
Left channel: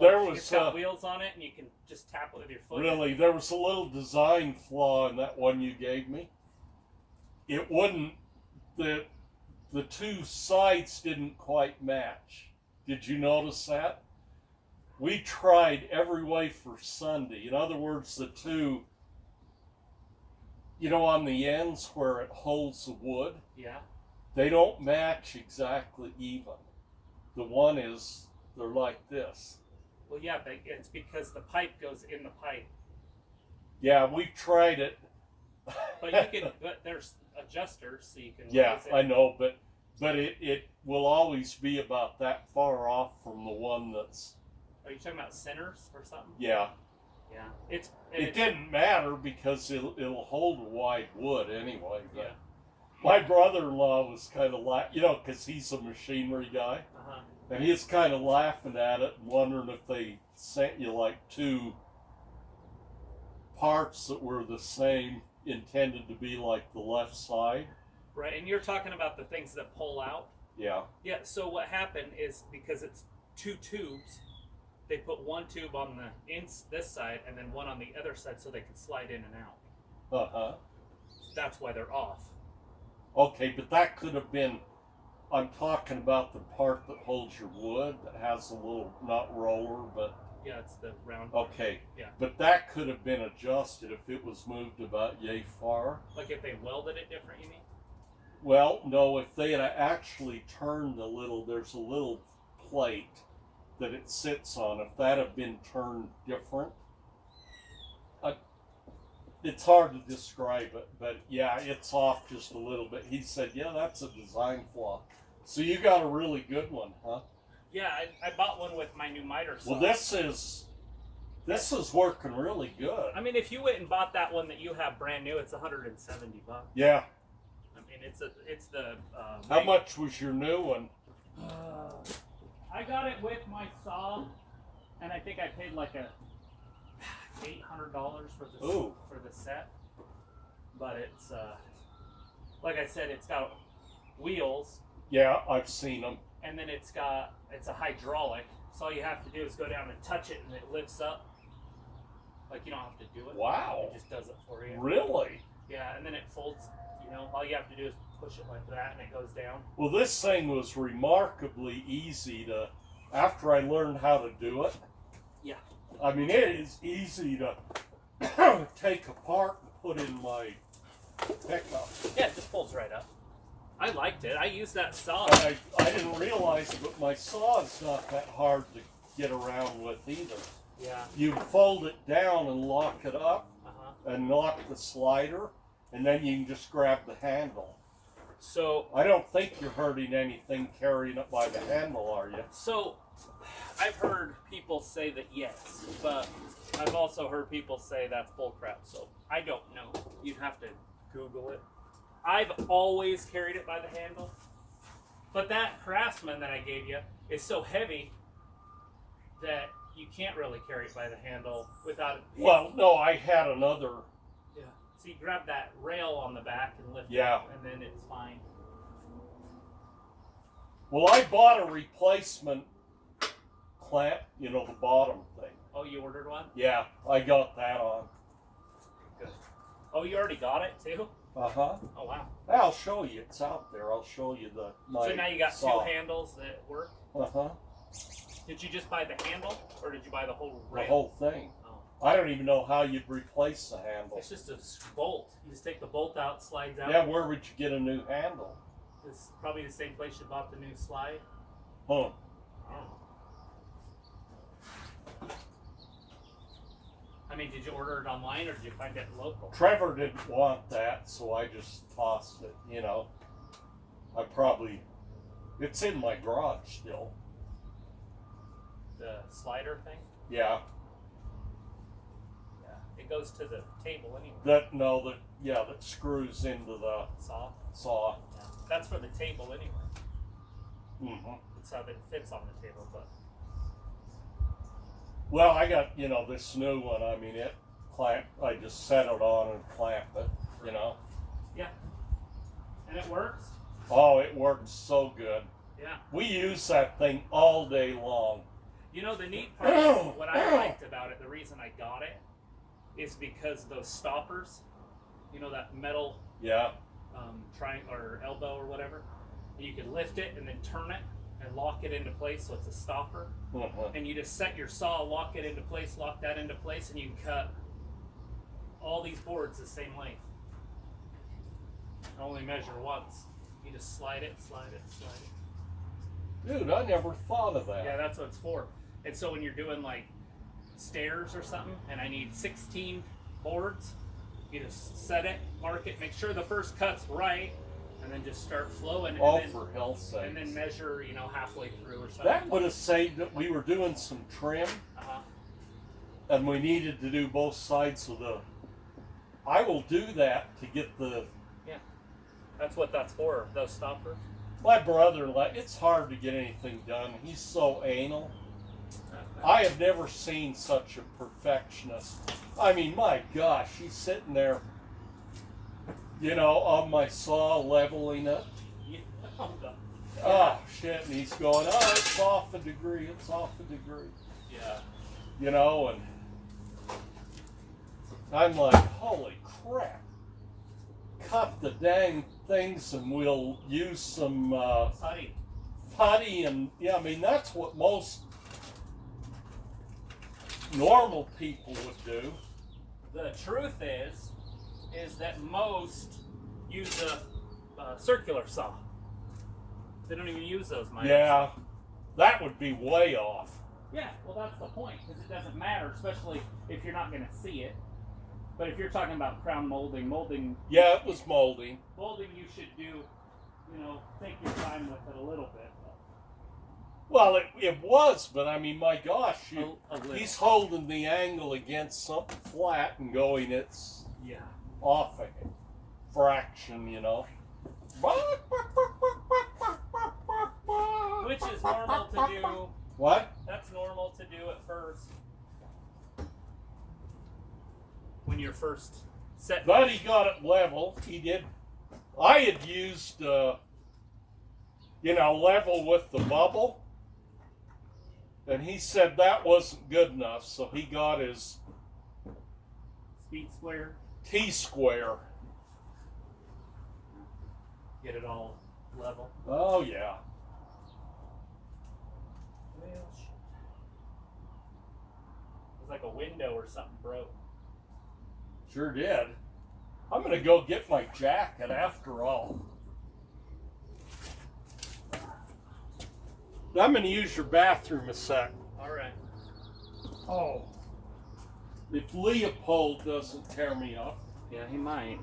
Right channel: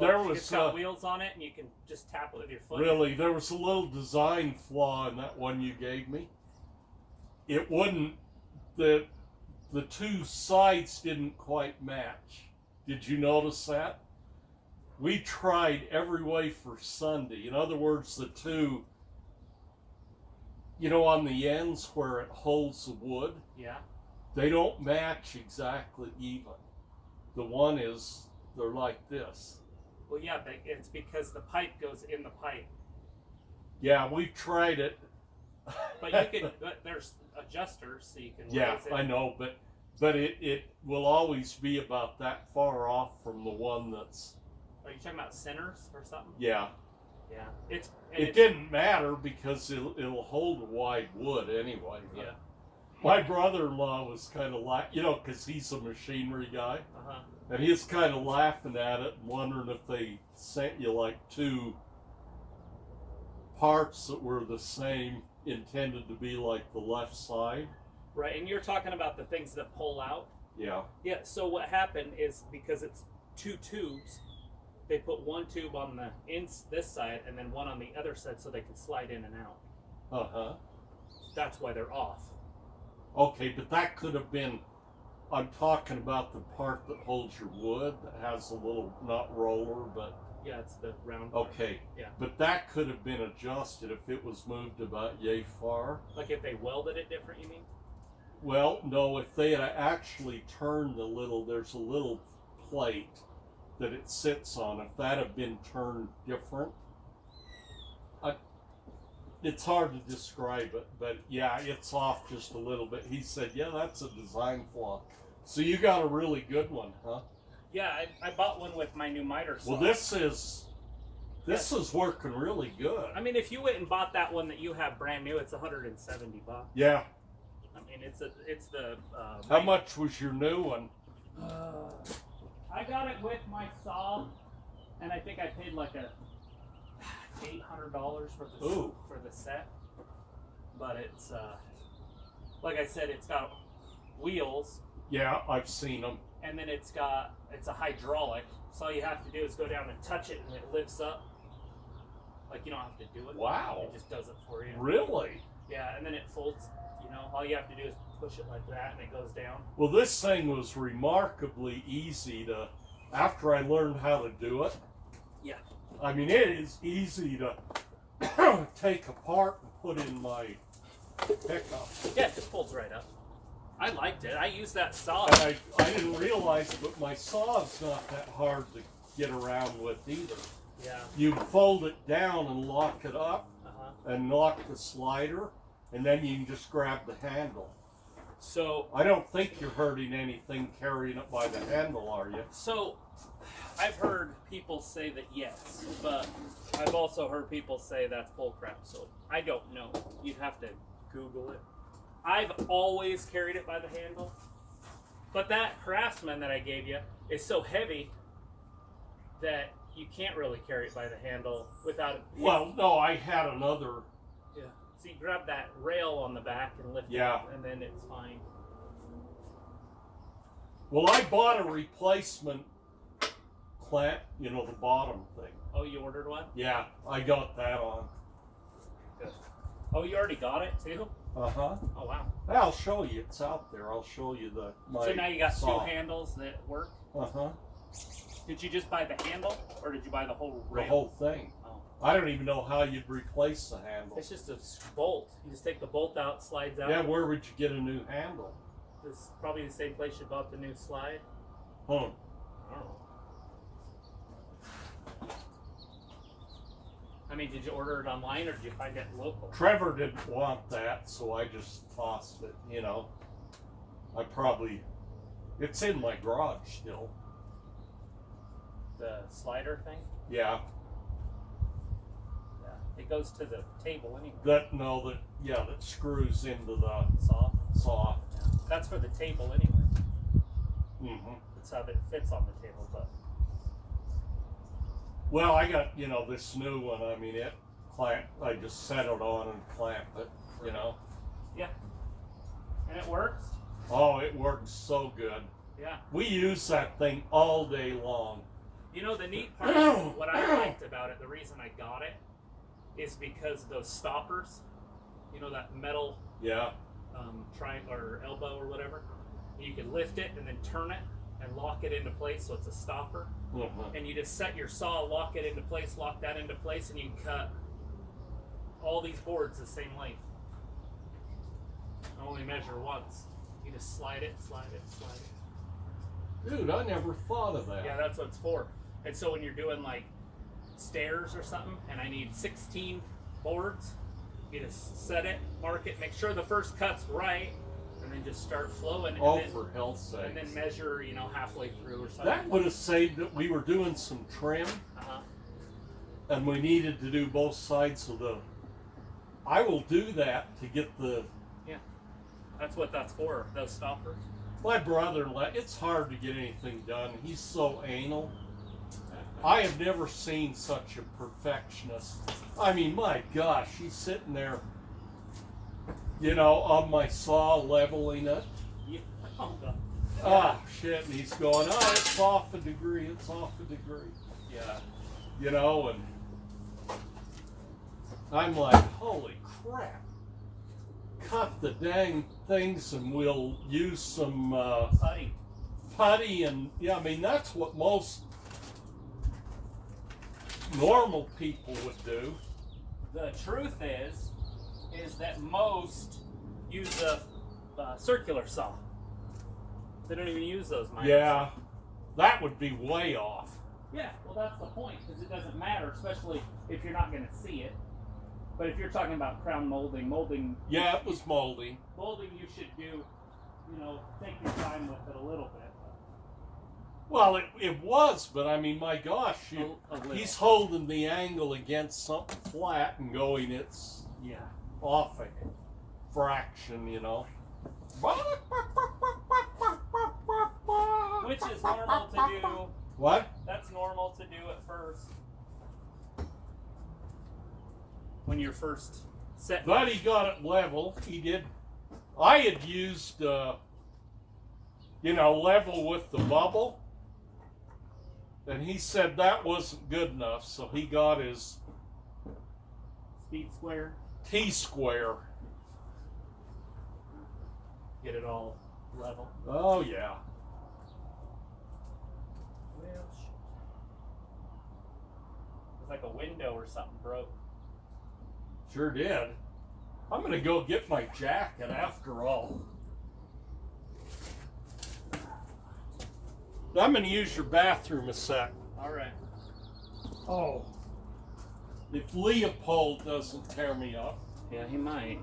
It's got wheels on it, and you can just tap it with your foot. Really, there was a little design flaw in that one you gave me. It wouldn't. The two sides didn't quite match. Did you notice that? We tried every way for Sunday. In other words, the two, on the ends where it holds the wood, Yeah. they don't match exactly even. The one is, they're like this. Well, yeah, but it's because the pipe goes in the pipe. Yeah, we've tried it. But you can. But there's adjusters, so you can. Yeah, raise it. I know, but it will always be about that far off from the one that's. Are you talking about centers or something? Yeah. Yeah. It didn't matter because it'll hold a wide wood anyway. Yeah. My brother-in-law was kind of like, because he's a machinery guy, Uh-huh. and he's kind of laughing at it and wondering if they sent you like two parts that were the same, intended to be like the left side. Right, and you're talking about the things that pull out. Yeah. Yeah. So what happened is because it's two tubes, they put one tube on this side and then one on the other side so they can slide in and out. Uh-huh. That's why they're off. Okay, but that could have been, I'm talking about the part that holds your wood, that has a little, not roller, but, Yeah, it's the round part. okay. Yeah. But that could have been adjusted if it was moved about yay far. Like if they welded it different, you mean? Well, no, if they had actually turned there's a little plate that it sits on. If that had been turned different, it's hard to describe it, but yeah, it's off just a little bit. He said, yeah, that's a design flaw. So you got a really good one, huh? Yeah, I bought one with my new miter saw. Well, this is working really good. I mean, if you went and bought that one that you have brand new, it's $170. Yeah. I mean, it's the. How much was your new one? I got it with my saw, and I think I paid like $800 for the set. But it's like I said, it's got wheels. Yeah, I've seen them. And then it's a hydraulic. So all you have to do is go down and touch it, and it lifts up. Like you don't have to do it. Wow. It just does it for you. Really? Yeah, and then it folds. All you have to do is push it like that, and it goes down. Well, this thing was remarkably easy to. After I learned how to do it. Yeah. I mean, it is easy to take apart and put in my pickup. Yeah, it just folds right up. I liked it. I used that saw. And I didn't realize it, but my saw is not that hard to get around with either. Yeah. You fold it down and lock it up and lock the slider, and then you can just grab the handle. So I don't think you're hurting anything carrying it by the handle, are you? So I've heard people say that yes, but I've also heard people say that's bullcrap. So I don't know. You'd have to Google it. I've always carried it by the handle, but that Craftsman that I gave you is so heavy that you can't really carry it by the handle without it. Well, no, I had another. Yeah. So you grab that rail on the back and lift it, and then it's fine. Well, I bought a replacement clamp, the bottom thing. Oh, you ordered one? Yeah, I got that on. Good. Oh, you already got it too? Uh-huh. Oh, wow. I'll show you. It's out there. I'll show you my So now you got saw. two handles that work? Uh-huh. Did you just buy the handle, or did you buy the whole rail? The whole thing. Oh. I don't even know how you'd replace the handle. It's just a bolt. You just take the bolt out, slides out. Yeah, where would you get a new handle? This is probably the same place you bought the new slide. Huh. I don't know. I mean, did you order it online or did you find it local? Trevor didn't want that, so I just tossed it, you know. It's in my garage still. The slider thing? Yeah. Yeah. It goes to the table anyway. That screws into the Saw? saw. Yeah. That's for the table anyway. Mm-hmm. That's how it fits on the table, but. Well, I got, this new one. I mean, I just set it on and clamped it, Yeah. And it works? Oh, it works so good. Yeah. We use that thing all day long. You know, the neat part, what I liked about it, the reason I got it, is because those stoppers, that metal Yeah. triangle or elbow or whatever, you can lift it and then turn it and lock it into place so it's a stopper. Mm-hmm. And you just set your saw, lock it into place, lock that into place, and you can cut all these boards the same length. Only measure once. You just slide it, slide it, slide it. Dude, I never thought of that. Yeah, that's what it's for. And so when you're doing like stairs or something, and I need 16 boards, you just set it, mark it, make sure the first cut's right, and then just start flowing. Oh, and then, for hell's sake. And then measure, halfway through or something. That would have saved it. We were doing some trim, and we needed to do both sides of the. I will do that to get the. Yeah, that's what that's for. Those stoppers. My brother-in-law. It's hard to get anything done. He's so anal. I have never seen such a perfectionist. I mean, my gosh, he's sitting there, on my saw, leveling it. Yeah. Oh, shit, and he's going, it's off a degree, it's off a degree. Yeah. And I'm like, holy crap. Cut the dang things and we'll use some putty and, that's what most normal people would do. The truth is that most use a circular saw. They don't even use those miners. Yeah, that would be way off. Yeah, well, that's the point, because it doesn't matter, especially if you're not going to see it. But if you're talking about crown molding. Yeah, it was molding. Molding, you should do, take your time with it a little bit. Well, it was, but I mean, my gosh, A little. he's holding the angle against something flat and going, it's off a fraction, Which is normal to do. What? That's normal to do at first. When you're first set. But he got it level. He did. I had used, level with the bubble. And he said that wasn't good enough, so he got his Speed square. T-square. Get it all level. Oh, yeah. Well, shit. It was like a window or something broke. Sure did. I'm going to go get my jacket after all. I'm going to use your bathroom a sec. All right. Oh. If Leopold doesn't tear me up. Yeah, he might.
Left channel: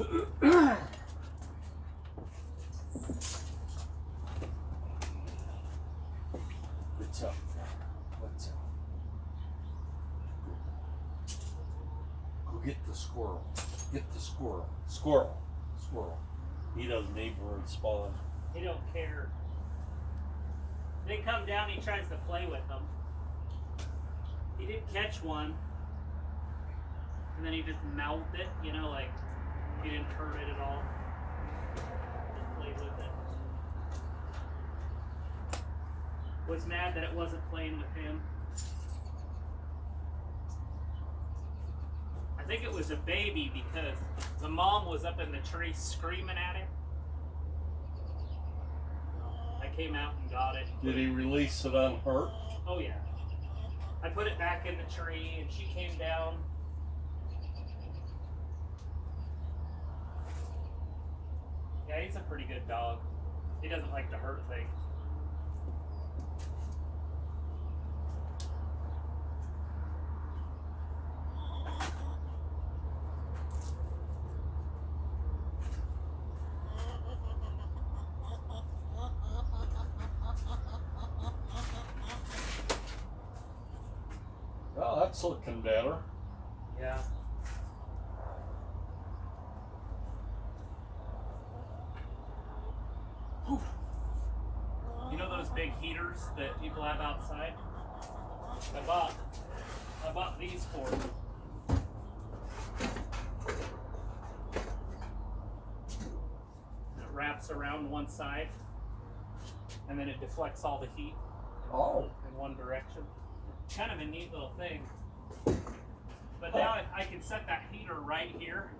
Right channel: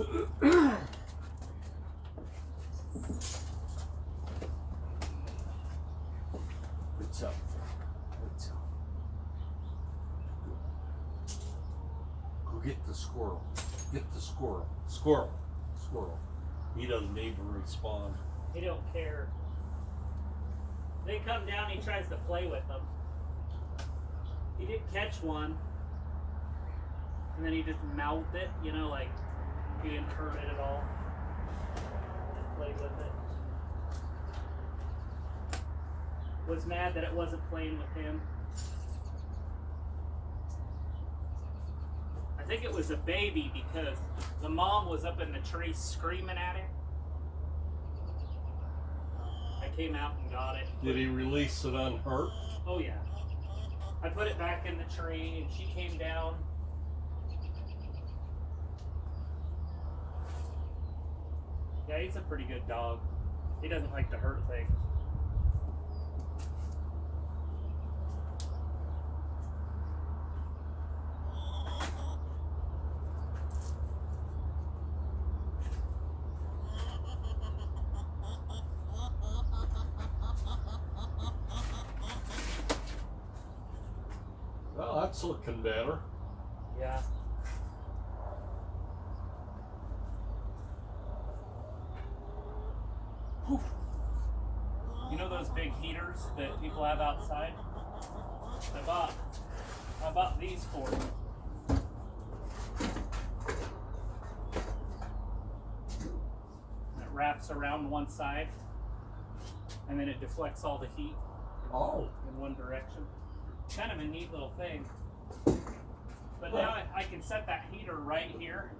What's up? What's up? Go get the squirrel. Get the squirrel. Squirrel. Squirrel. He doesn't even respond. He don't care. They come down, he tries to play with them. He did catch one, and then he just mouthed it, you know, like he didn't hurt it at all. Just played with it. Was mad that it wasn't playing with him. I think it was a baby because the mom was up in the tree screaming at him. I came out and got it. Did he release it unhurt? Oh yeah. I put it back in the tree and she came down. Yeah, he's a pretty good dog. He doesn't like to hurt things. Well, that's looking better. Yeah. Whew. You know those big heaters that people have outside? I bought these for them. It wraps around one side and then it deflects all the heat in one direction. Kind of a neat little thing. But now I can set that heater right here.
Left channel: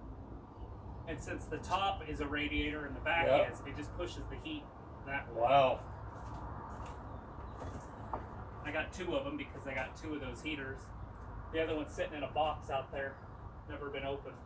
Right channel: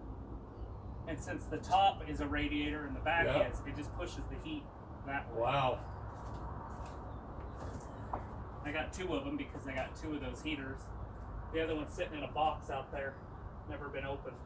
And since the top is a radiator and the back is, it just pushes the heat that way. Wow. I got two of them because I got two of those heaters. The other one's sitting in a box out there, never been opened.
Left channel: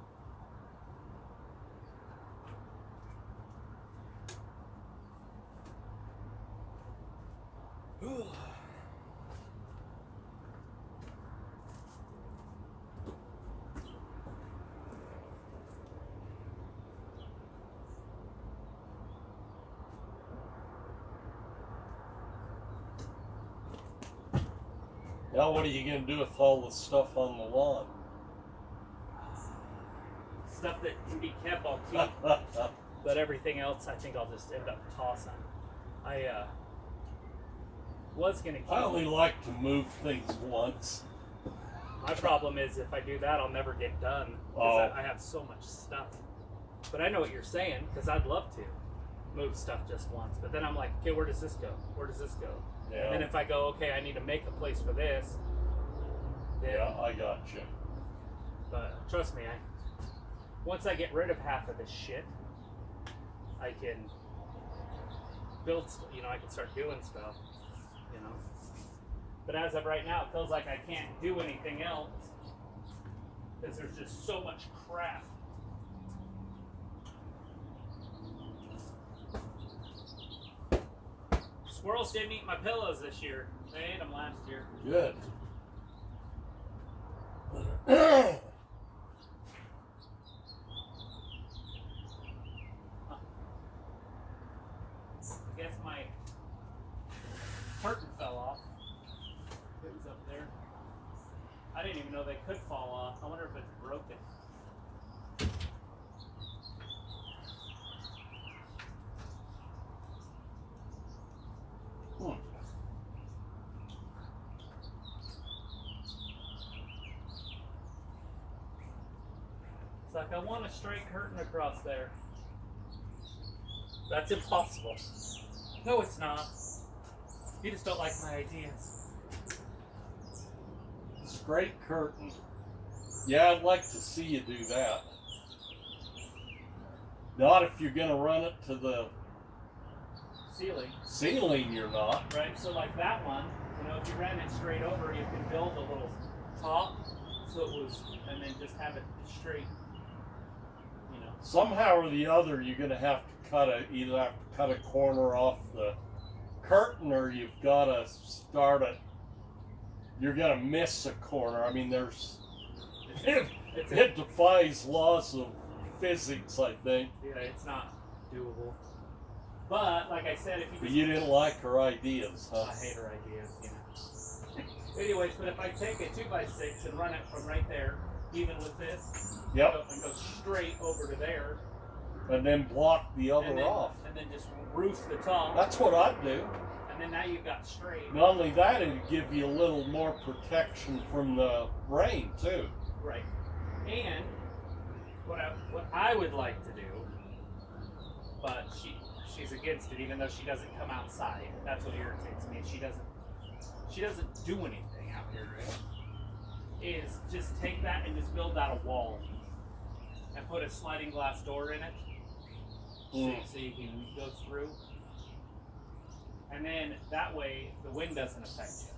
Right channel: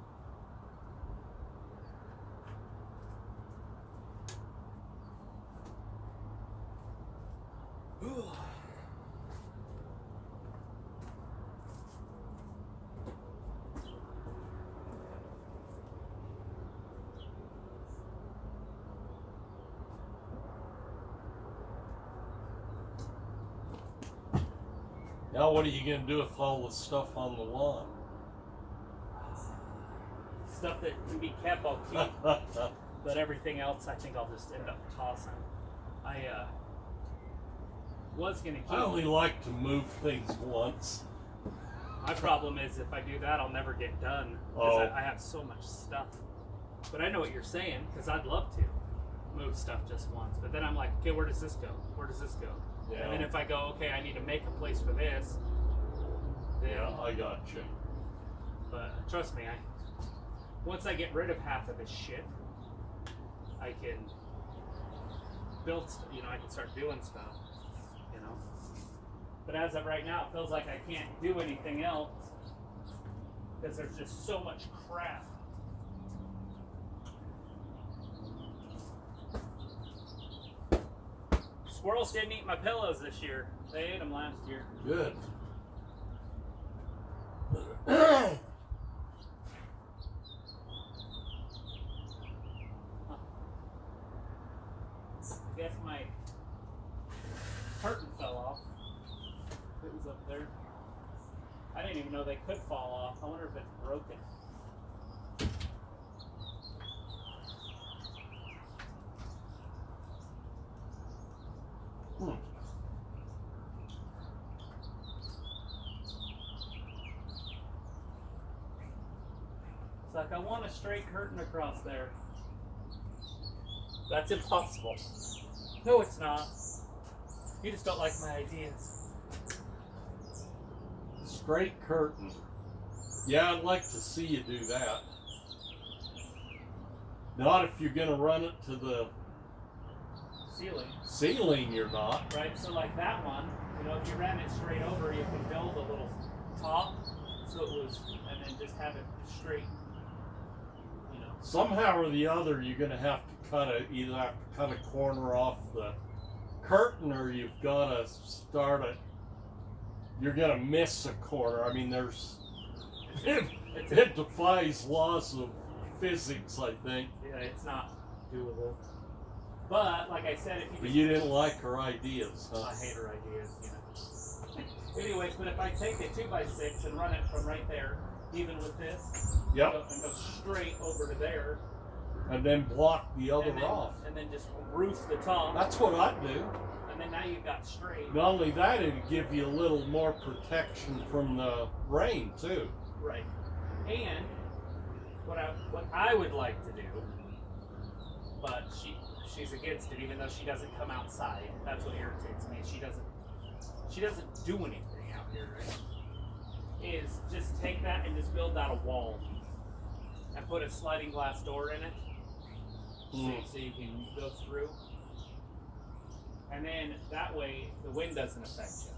Now what are you going to do with all the stuff on the lawn? Stuff that can be kept, I'll keep. But everything else, I think I'll just end up tossing. I was gonna keep. I only like to move things once. My problem is if I do that, I'll never get done because Oh. I have so much stuff. But I know what you're saying because I'd love to move stuff just once. But then I'm like, okay, where does this go? Where does this go? Yeah. And then if I go, okay, I need to make a place for this. Then, Yeah, I got you. But trust me, once I get rid of half of this shit, I can build. I can start doing stuff. But as of right now, it feels like I can't do anything else because there's just so much crap. Squirrels didn't eat my pillows this year. They ate them last year. Good. I guess my curtain fell off. It was up there. I didn't even know they could fall off. I wonder if it's broken. It's like I want a straight curtain across there. That's impossible. No, it's not. You just don't like my ideas. Straight curtain. Yeah, I'd like to see you do that. Not if you're going to run it to the Ceiling. ceiling, you're not. Right, so like that one, if you ran it straight over, you can build a little top, so it was, and then just have it straight, Somehow or the other, you're going to have to either have to cut a corner off the curtain, or you've got to start it. You're going to miss a corner. I mean, it defies laws of physics, I think. Yeah, it's not doable. But like I said, if you But just, you didn't like her ideas, huh? I hate her ideas, you know. Anyways, but if I take a 2x6 and run it from right there, even with this, Yep. and go straight over to there, And then block the other and then, off. and then just roof the top, That's what I'd do. and then now you've got straight. Not only that, it'd give you a little more protection from the rain too. Right. And what I would like to do, but she's against it, even though she doesn't come outside. That's what irritates me. She doesn't do anything out here, right? Is just take that and just build out a wall and put a sliding glass door in it, so you can go through. And then that way the wind doesn't affect you.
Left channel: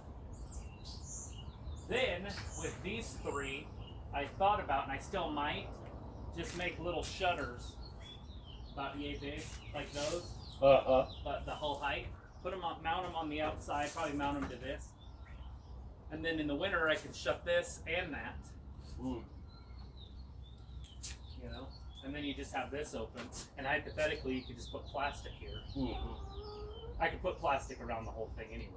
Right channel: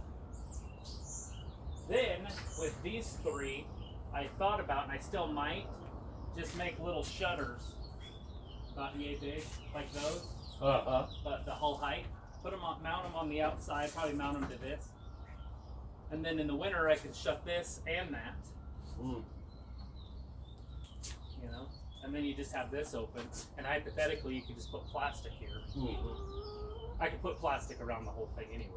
Then with these three, I thought about, and I still might, just make little shutters about yay big, like those, but the whole height. Put them on, mount them on the outside, probably mount them to this. And then in the winter, I can shut this and that. You know, and then you just have this open, and hypothetically, you could just put plastic here. I could put plastic around the whole thing, anyways.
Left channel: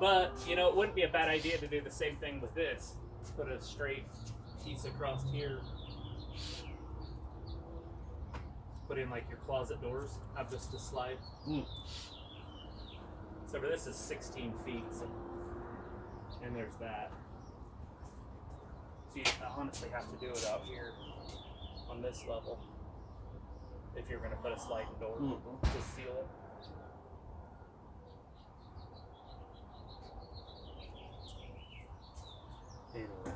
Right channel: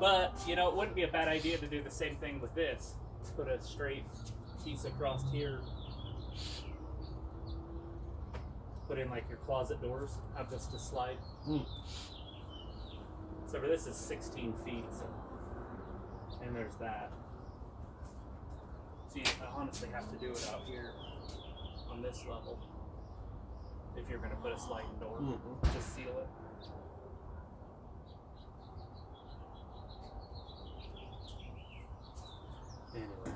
But you know, it wouldn't be a bad idea to do the same thing with this. Put a straight piece across here. Put in like your closet doors. Have this to slide. So for this is 16 feet, so, and there's that. So you honestly have to do it out here on this level if you're going to put a sliding door to seal it. Anyway.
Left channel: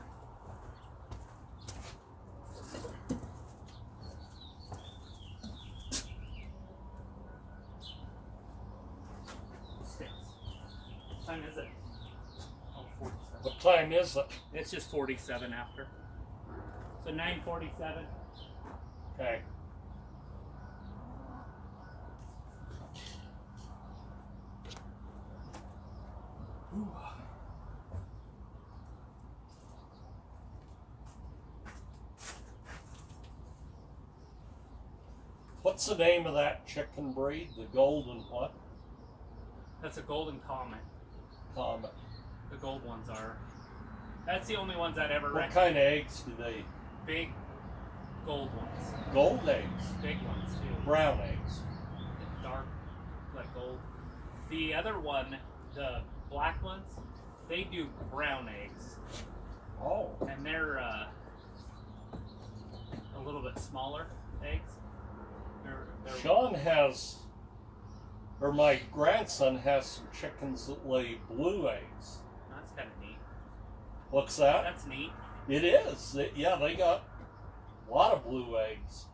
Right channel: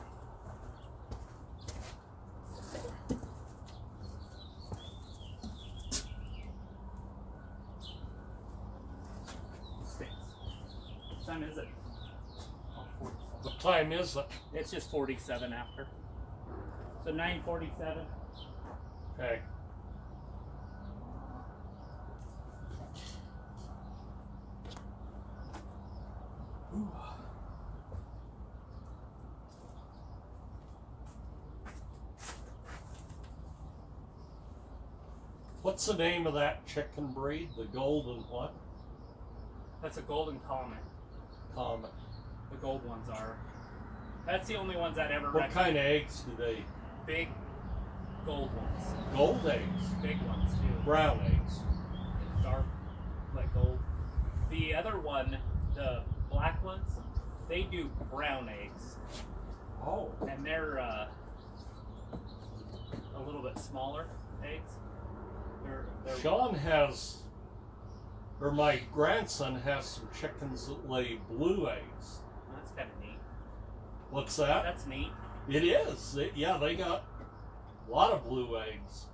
What time is it? Oh, 47. What time is it? It's just 47 after. So 9:47. Okay. Ooh. What's the name of that chicken breed? The golden what? That's a golden comet. Comet. The gold ones are. That's the only ones I'd ever What recommend. kind of eggs do they? Big gold ones. Gold eggs. Big ones too. Brown eggs. Dark, like gold. The other one, the black ones, they do brown eggs. Oh. And they're a little bit smaller eggs. They're Sean has, or my grandson has some chickens that lay blue eggs. That's kind of neat. What's that? That's neat. It is. Yeah, they got a lot of blue eggs.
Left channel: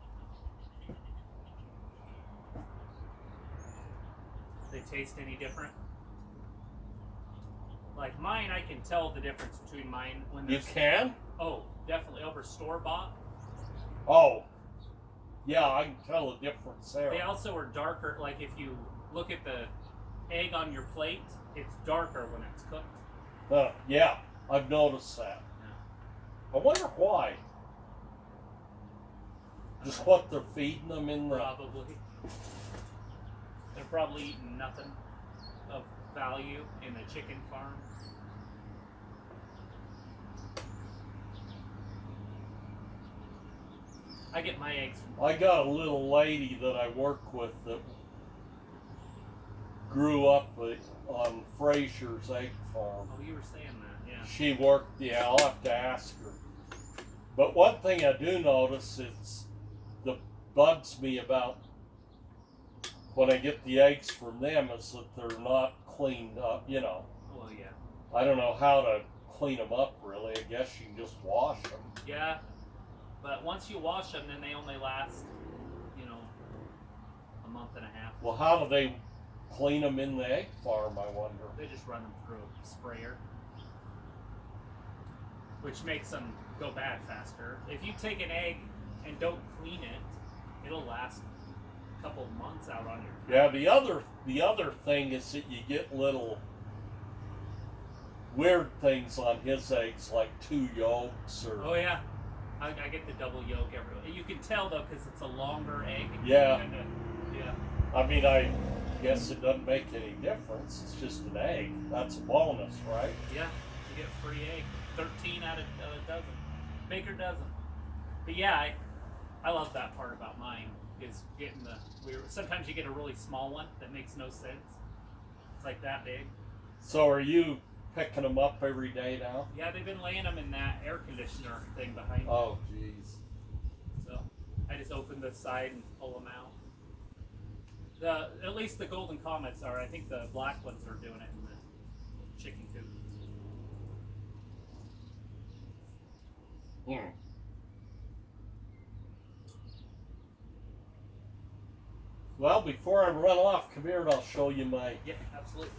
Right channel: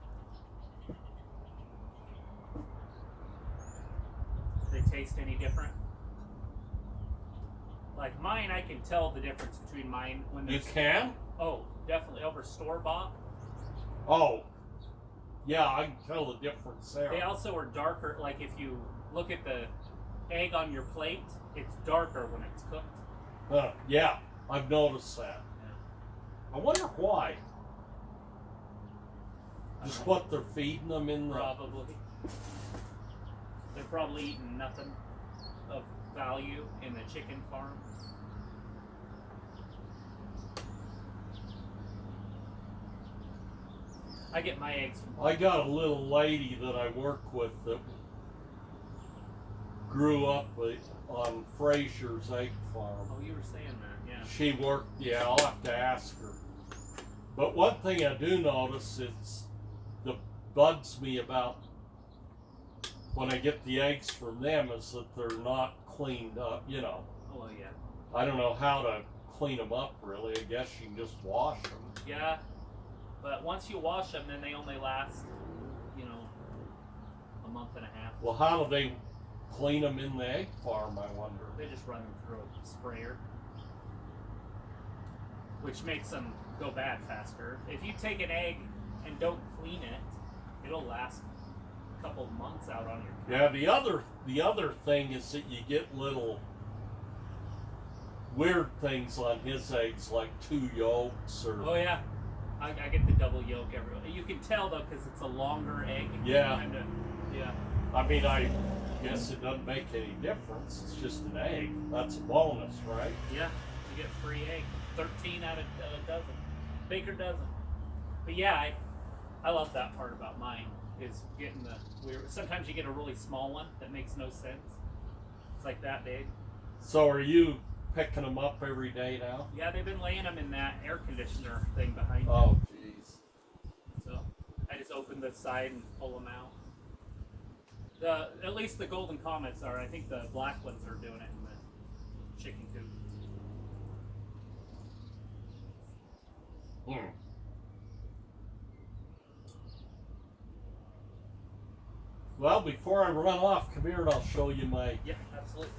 They taste any different? Like mine, I can tell the difference between mine when You there's. can? Oh, definitely over store bought. Oh. Yeah, I can tell the difference there. They also are darker. Like if you look at the egg on your plate, it's darker when it's cooked. Yeah, I've noticed that. Yeah. I wonder why. Just what they're feeding them in the... Probably. They're probably eating nothing of value in the chicken farm. I get my eggs from. I got a little lady that I work with that grew up on Fraser's egg farm. Oh, you were saying that, yeah. She worked, yeah, I'll have to ask her. But one thing I do notice is that bugs me about when I get the eggs from them is that they're not cleaned up, you know. Oh, yeah. I don't know how to clean them up really. I guess you can just wash them. Yeah, but once you wash them, then they only last, you know, a month and a half. Well, how do they clean them in the egg farm, I wonder? They just run them through a sprayer, which makes them go bad faster. If you take an egg and don't clean it, it'll last a couple months out on your Yeah, the other thing is that you get little weird things on his eggs, like two yolks or Oh yeah, I get the double yolk every. You can tell though because it's a longer egg. Yeah. Yeah. I mean, I guess it doesn't make any difference. It's just an egg. That's a bonus, right? Yeah. You get free egg. 13 out of a dozen. Baker dozen. But yeah, I love that part about mine is getting sometimes you get a really small one that makes no sense. It's like that big. So are you picking them up every day now? Yeah, they've been laying them in that air conditioner thing behind me. Oh, jeez. So I just open the side and pull them out. At least the golden comets are. I think the black ones are doing it in the chicken coop. Hmm. Well, before I run off, come here and I'll show you my... Yeah, absolutely.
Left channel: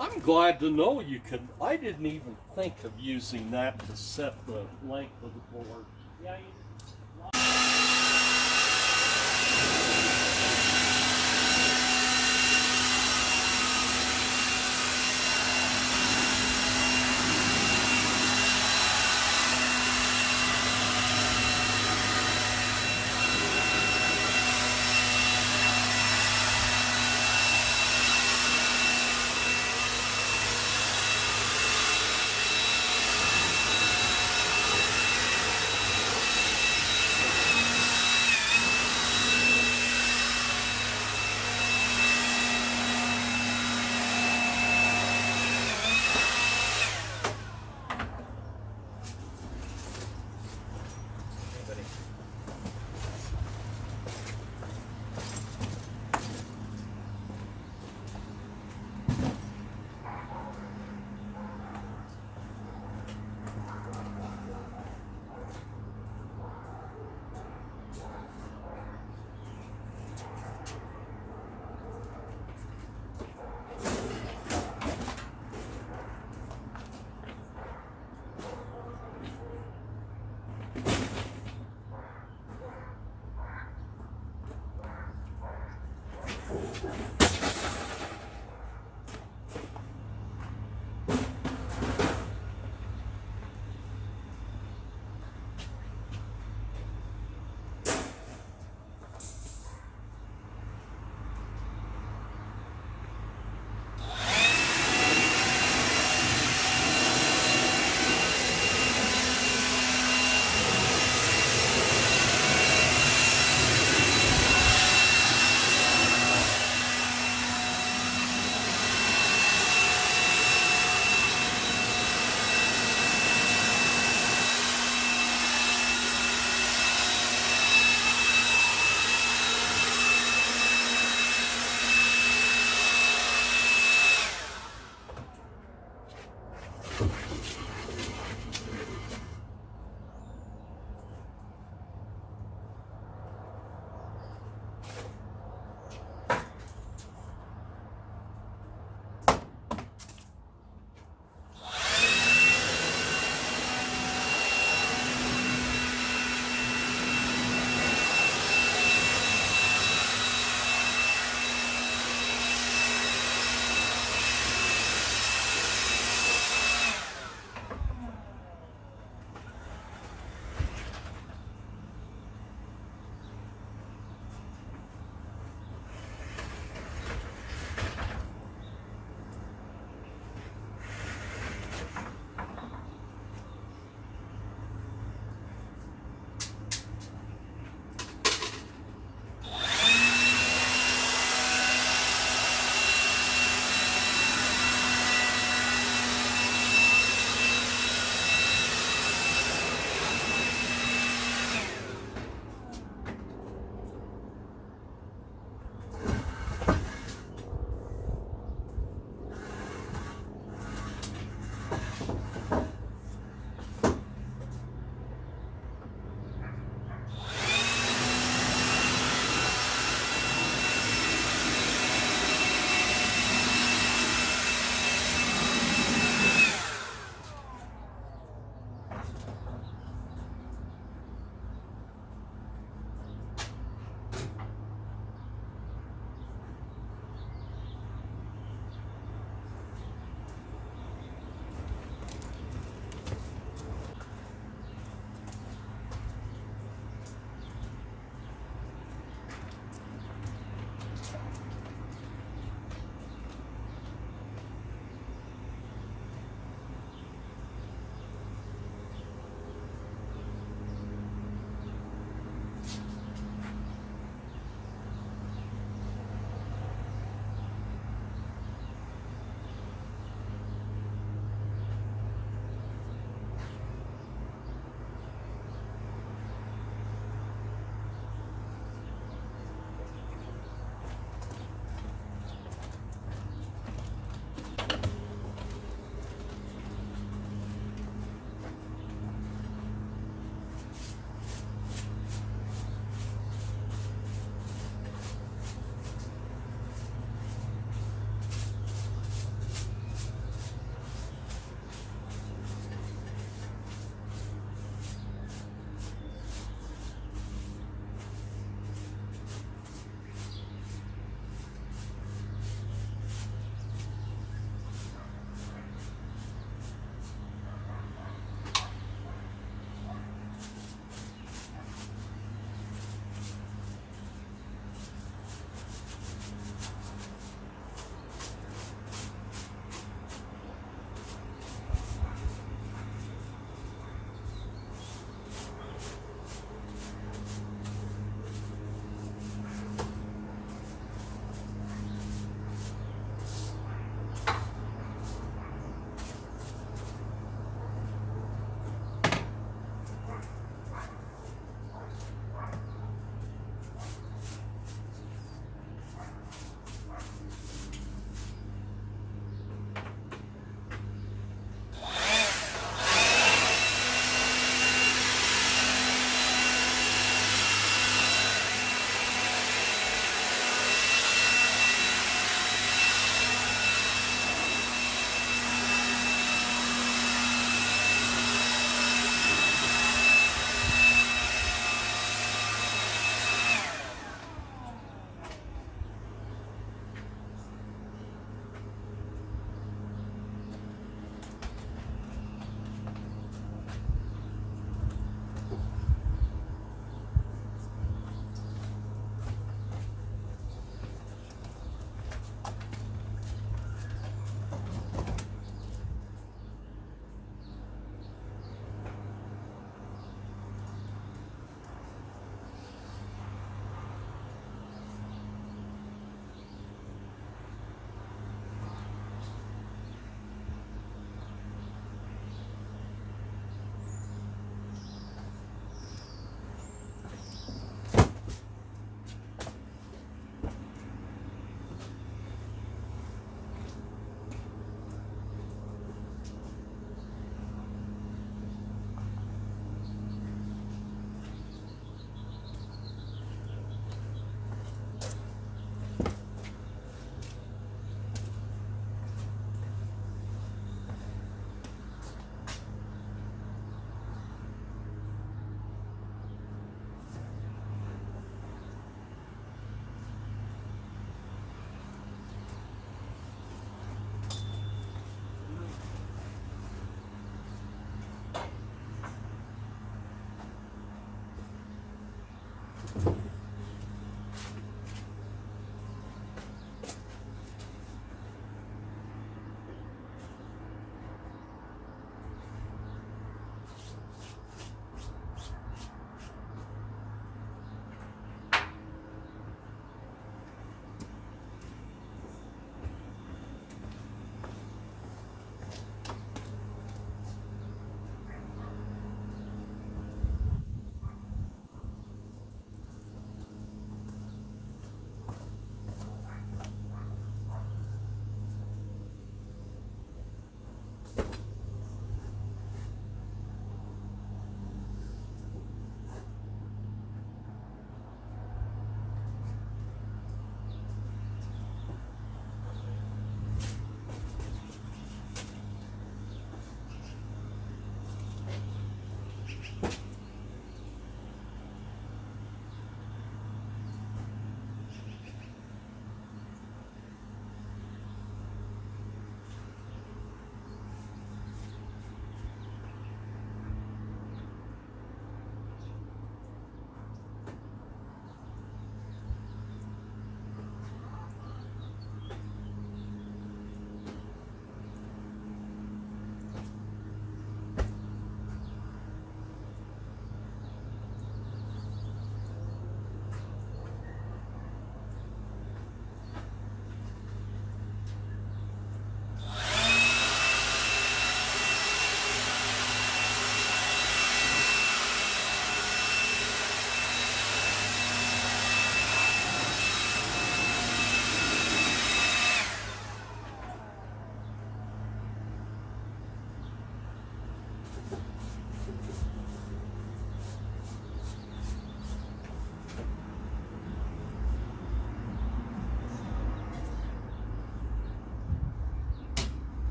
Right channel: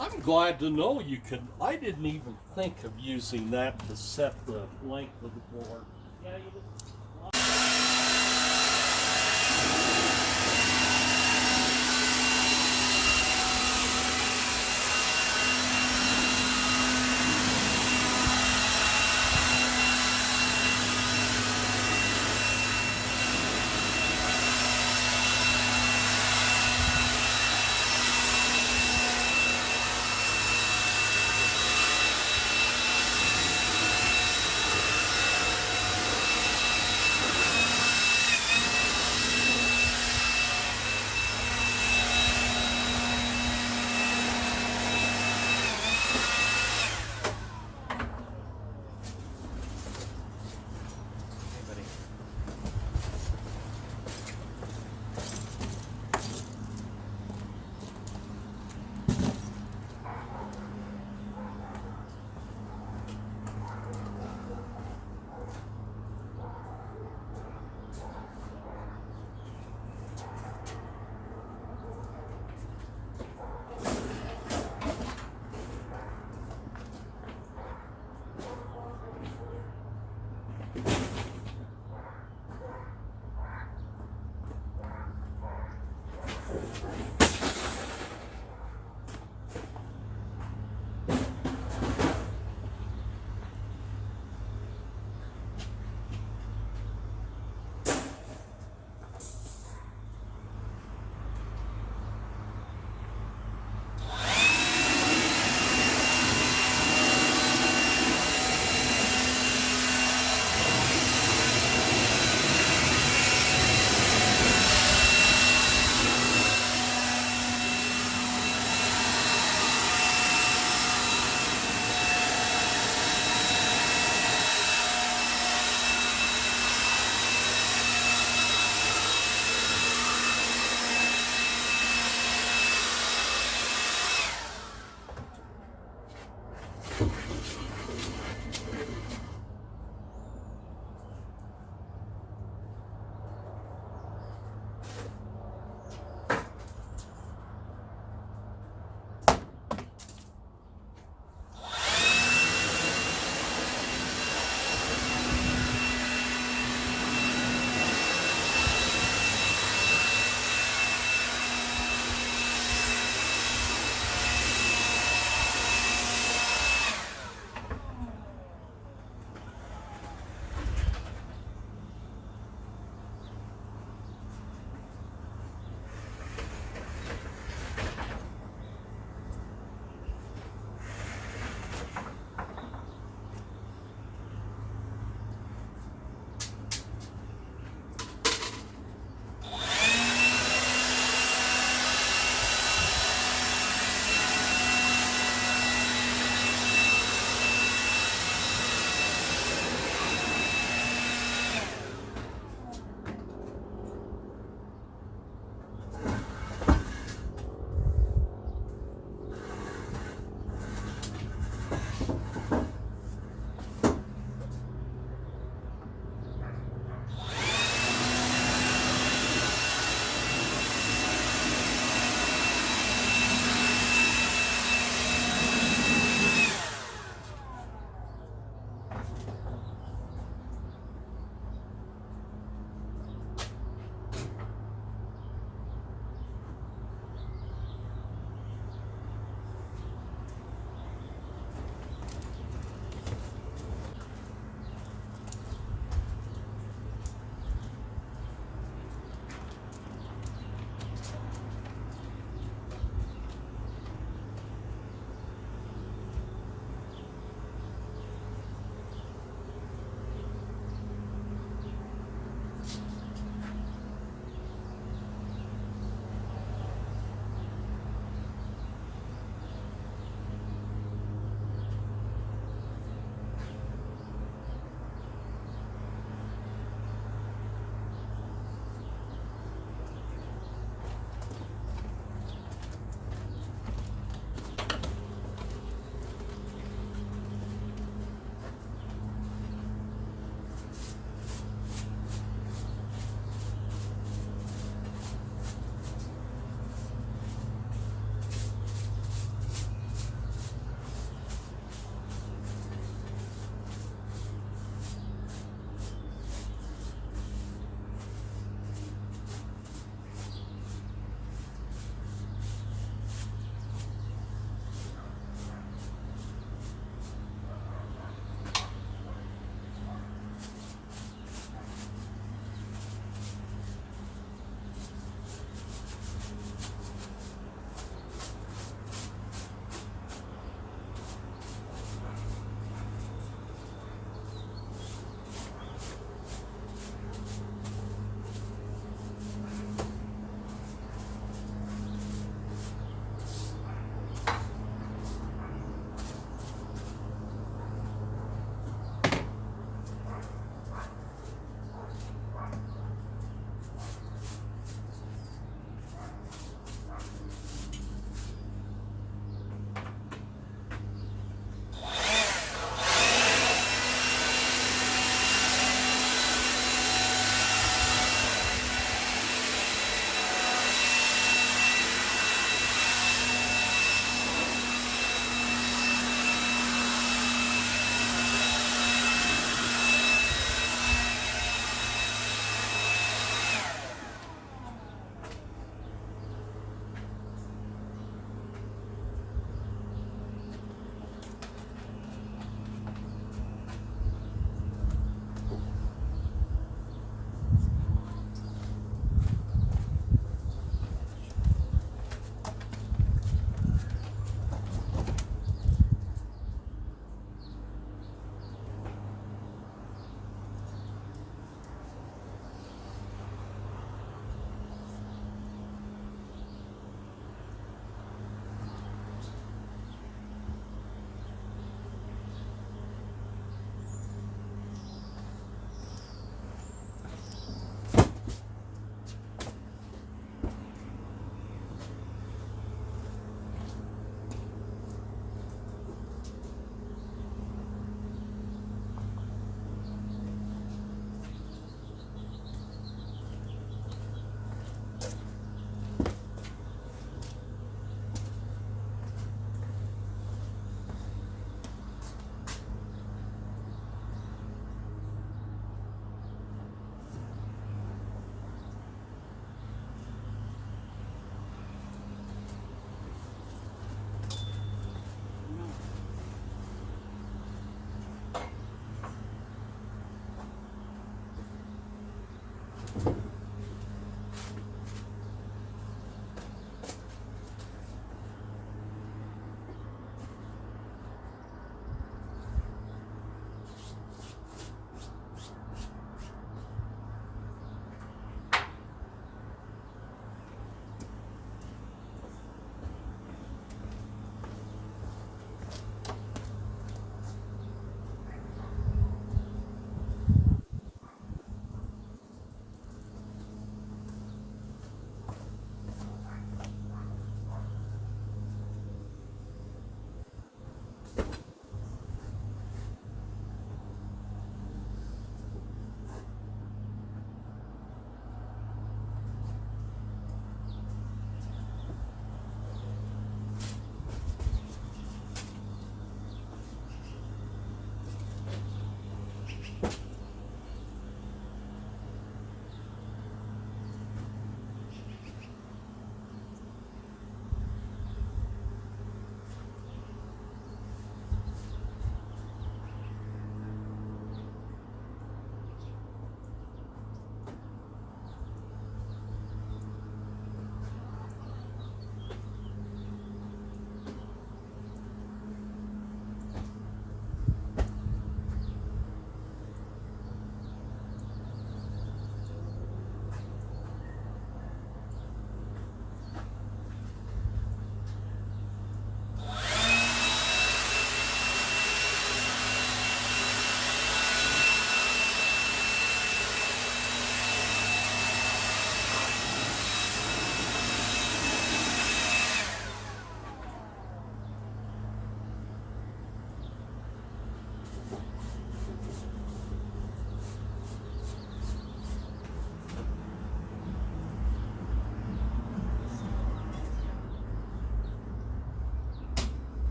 I'm glad to know you could... I didn't even think of using that to set the length of the board. Yeah, you just...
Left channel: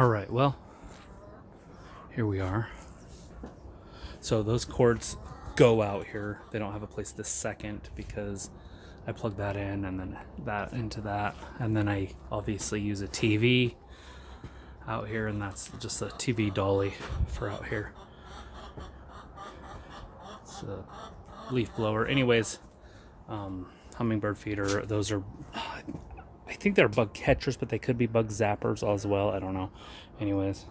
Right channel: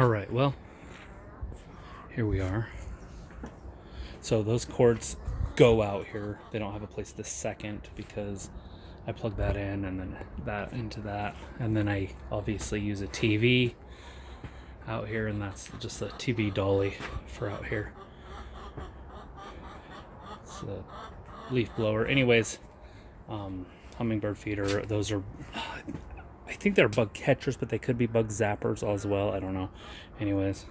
All right, well, here we are. So those cords go out here. They don't have a place this second because I plug that in and then that into that. And then I obviously use a TV out here, and that's just a TV dolly for out here. It's a leaf blower. Anyways, hummingbird feeder. Those are, I think they're bug catchers, but they could be bug zappers as well. I don't know. Anyways,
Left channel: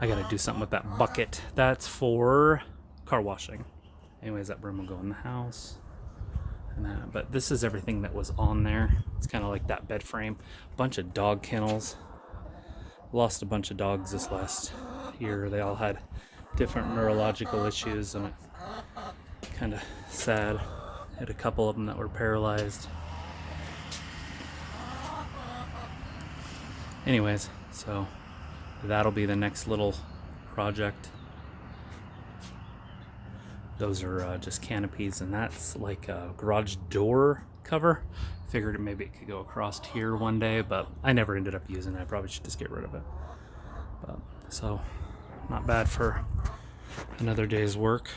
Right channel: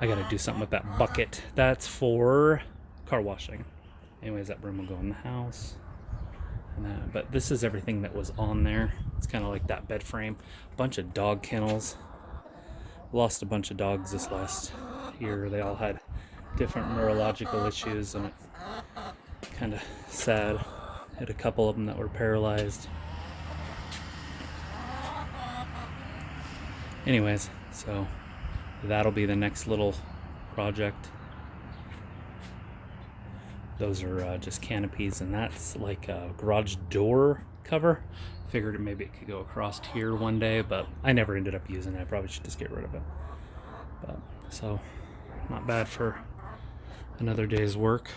I gotta do something with that bucket. That's for car washing. Anyways, that broom will go in the house. And but this is everything that was on there. It's kind of like that bed frame. Bunch of dog kennels. Lost a bunch of dogs this last year. They all had different neurological issues, and it kind of sad. Had a couple of them that were paralyzed. Anyways, so that'll be the next little project. Those are just canopies, and that's like a garage door cover. Figured maybe it could go across here one day, but I never ended up using it. I probably should just get rid of it. But so not bad for another day's work.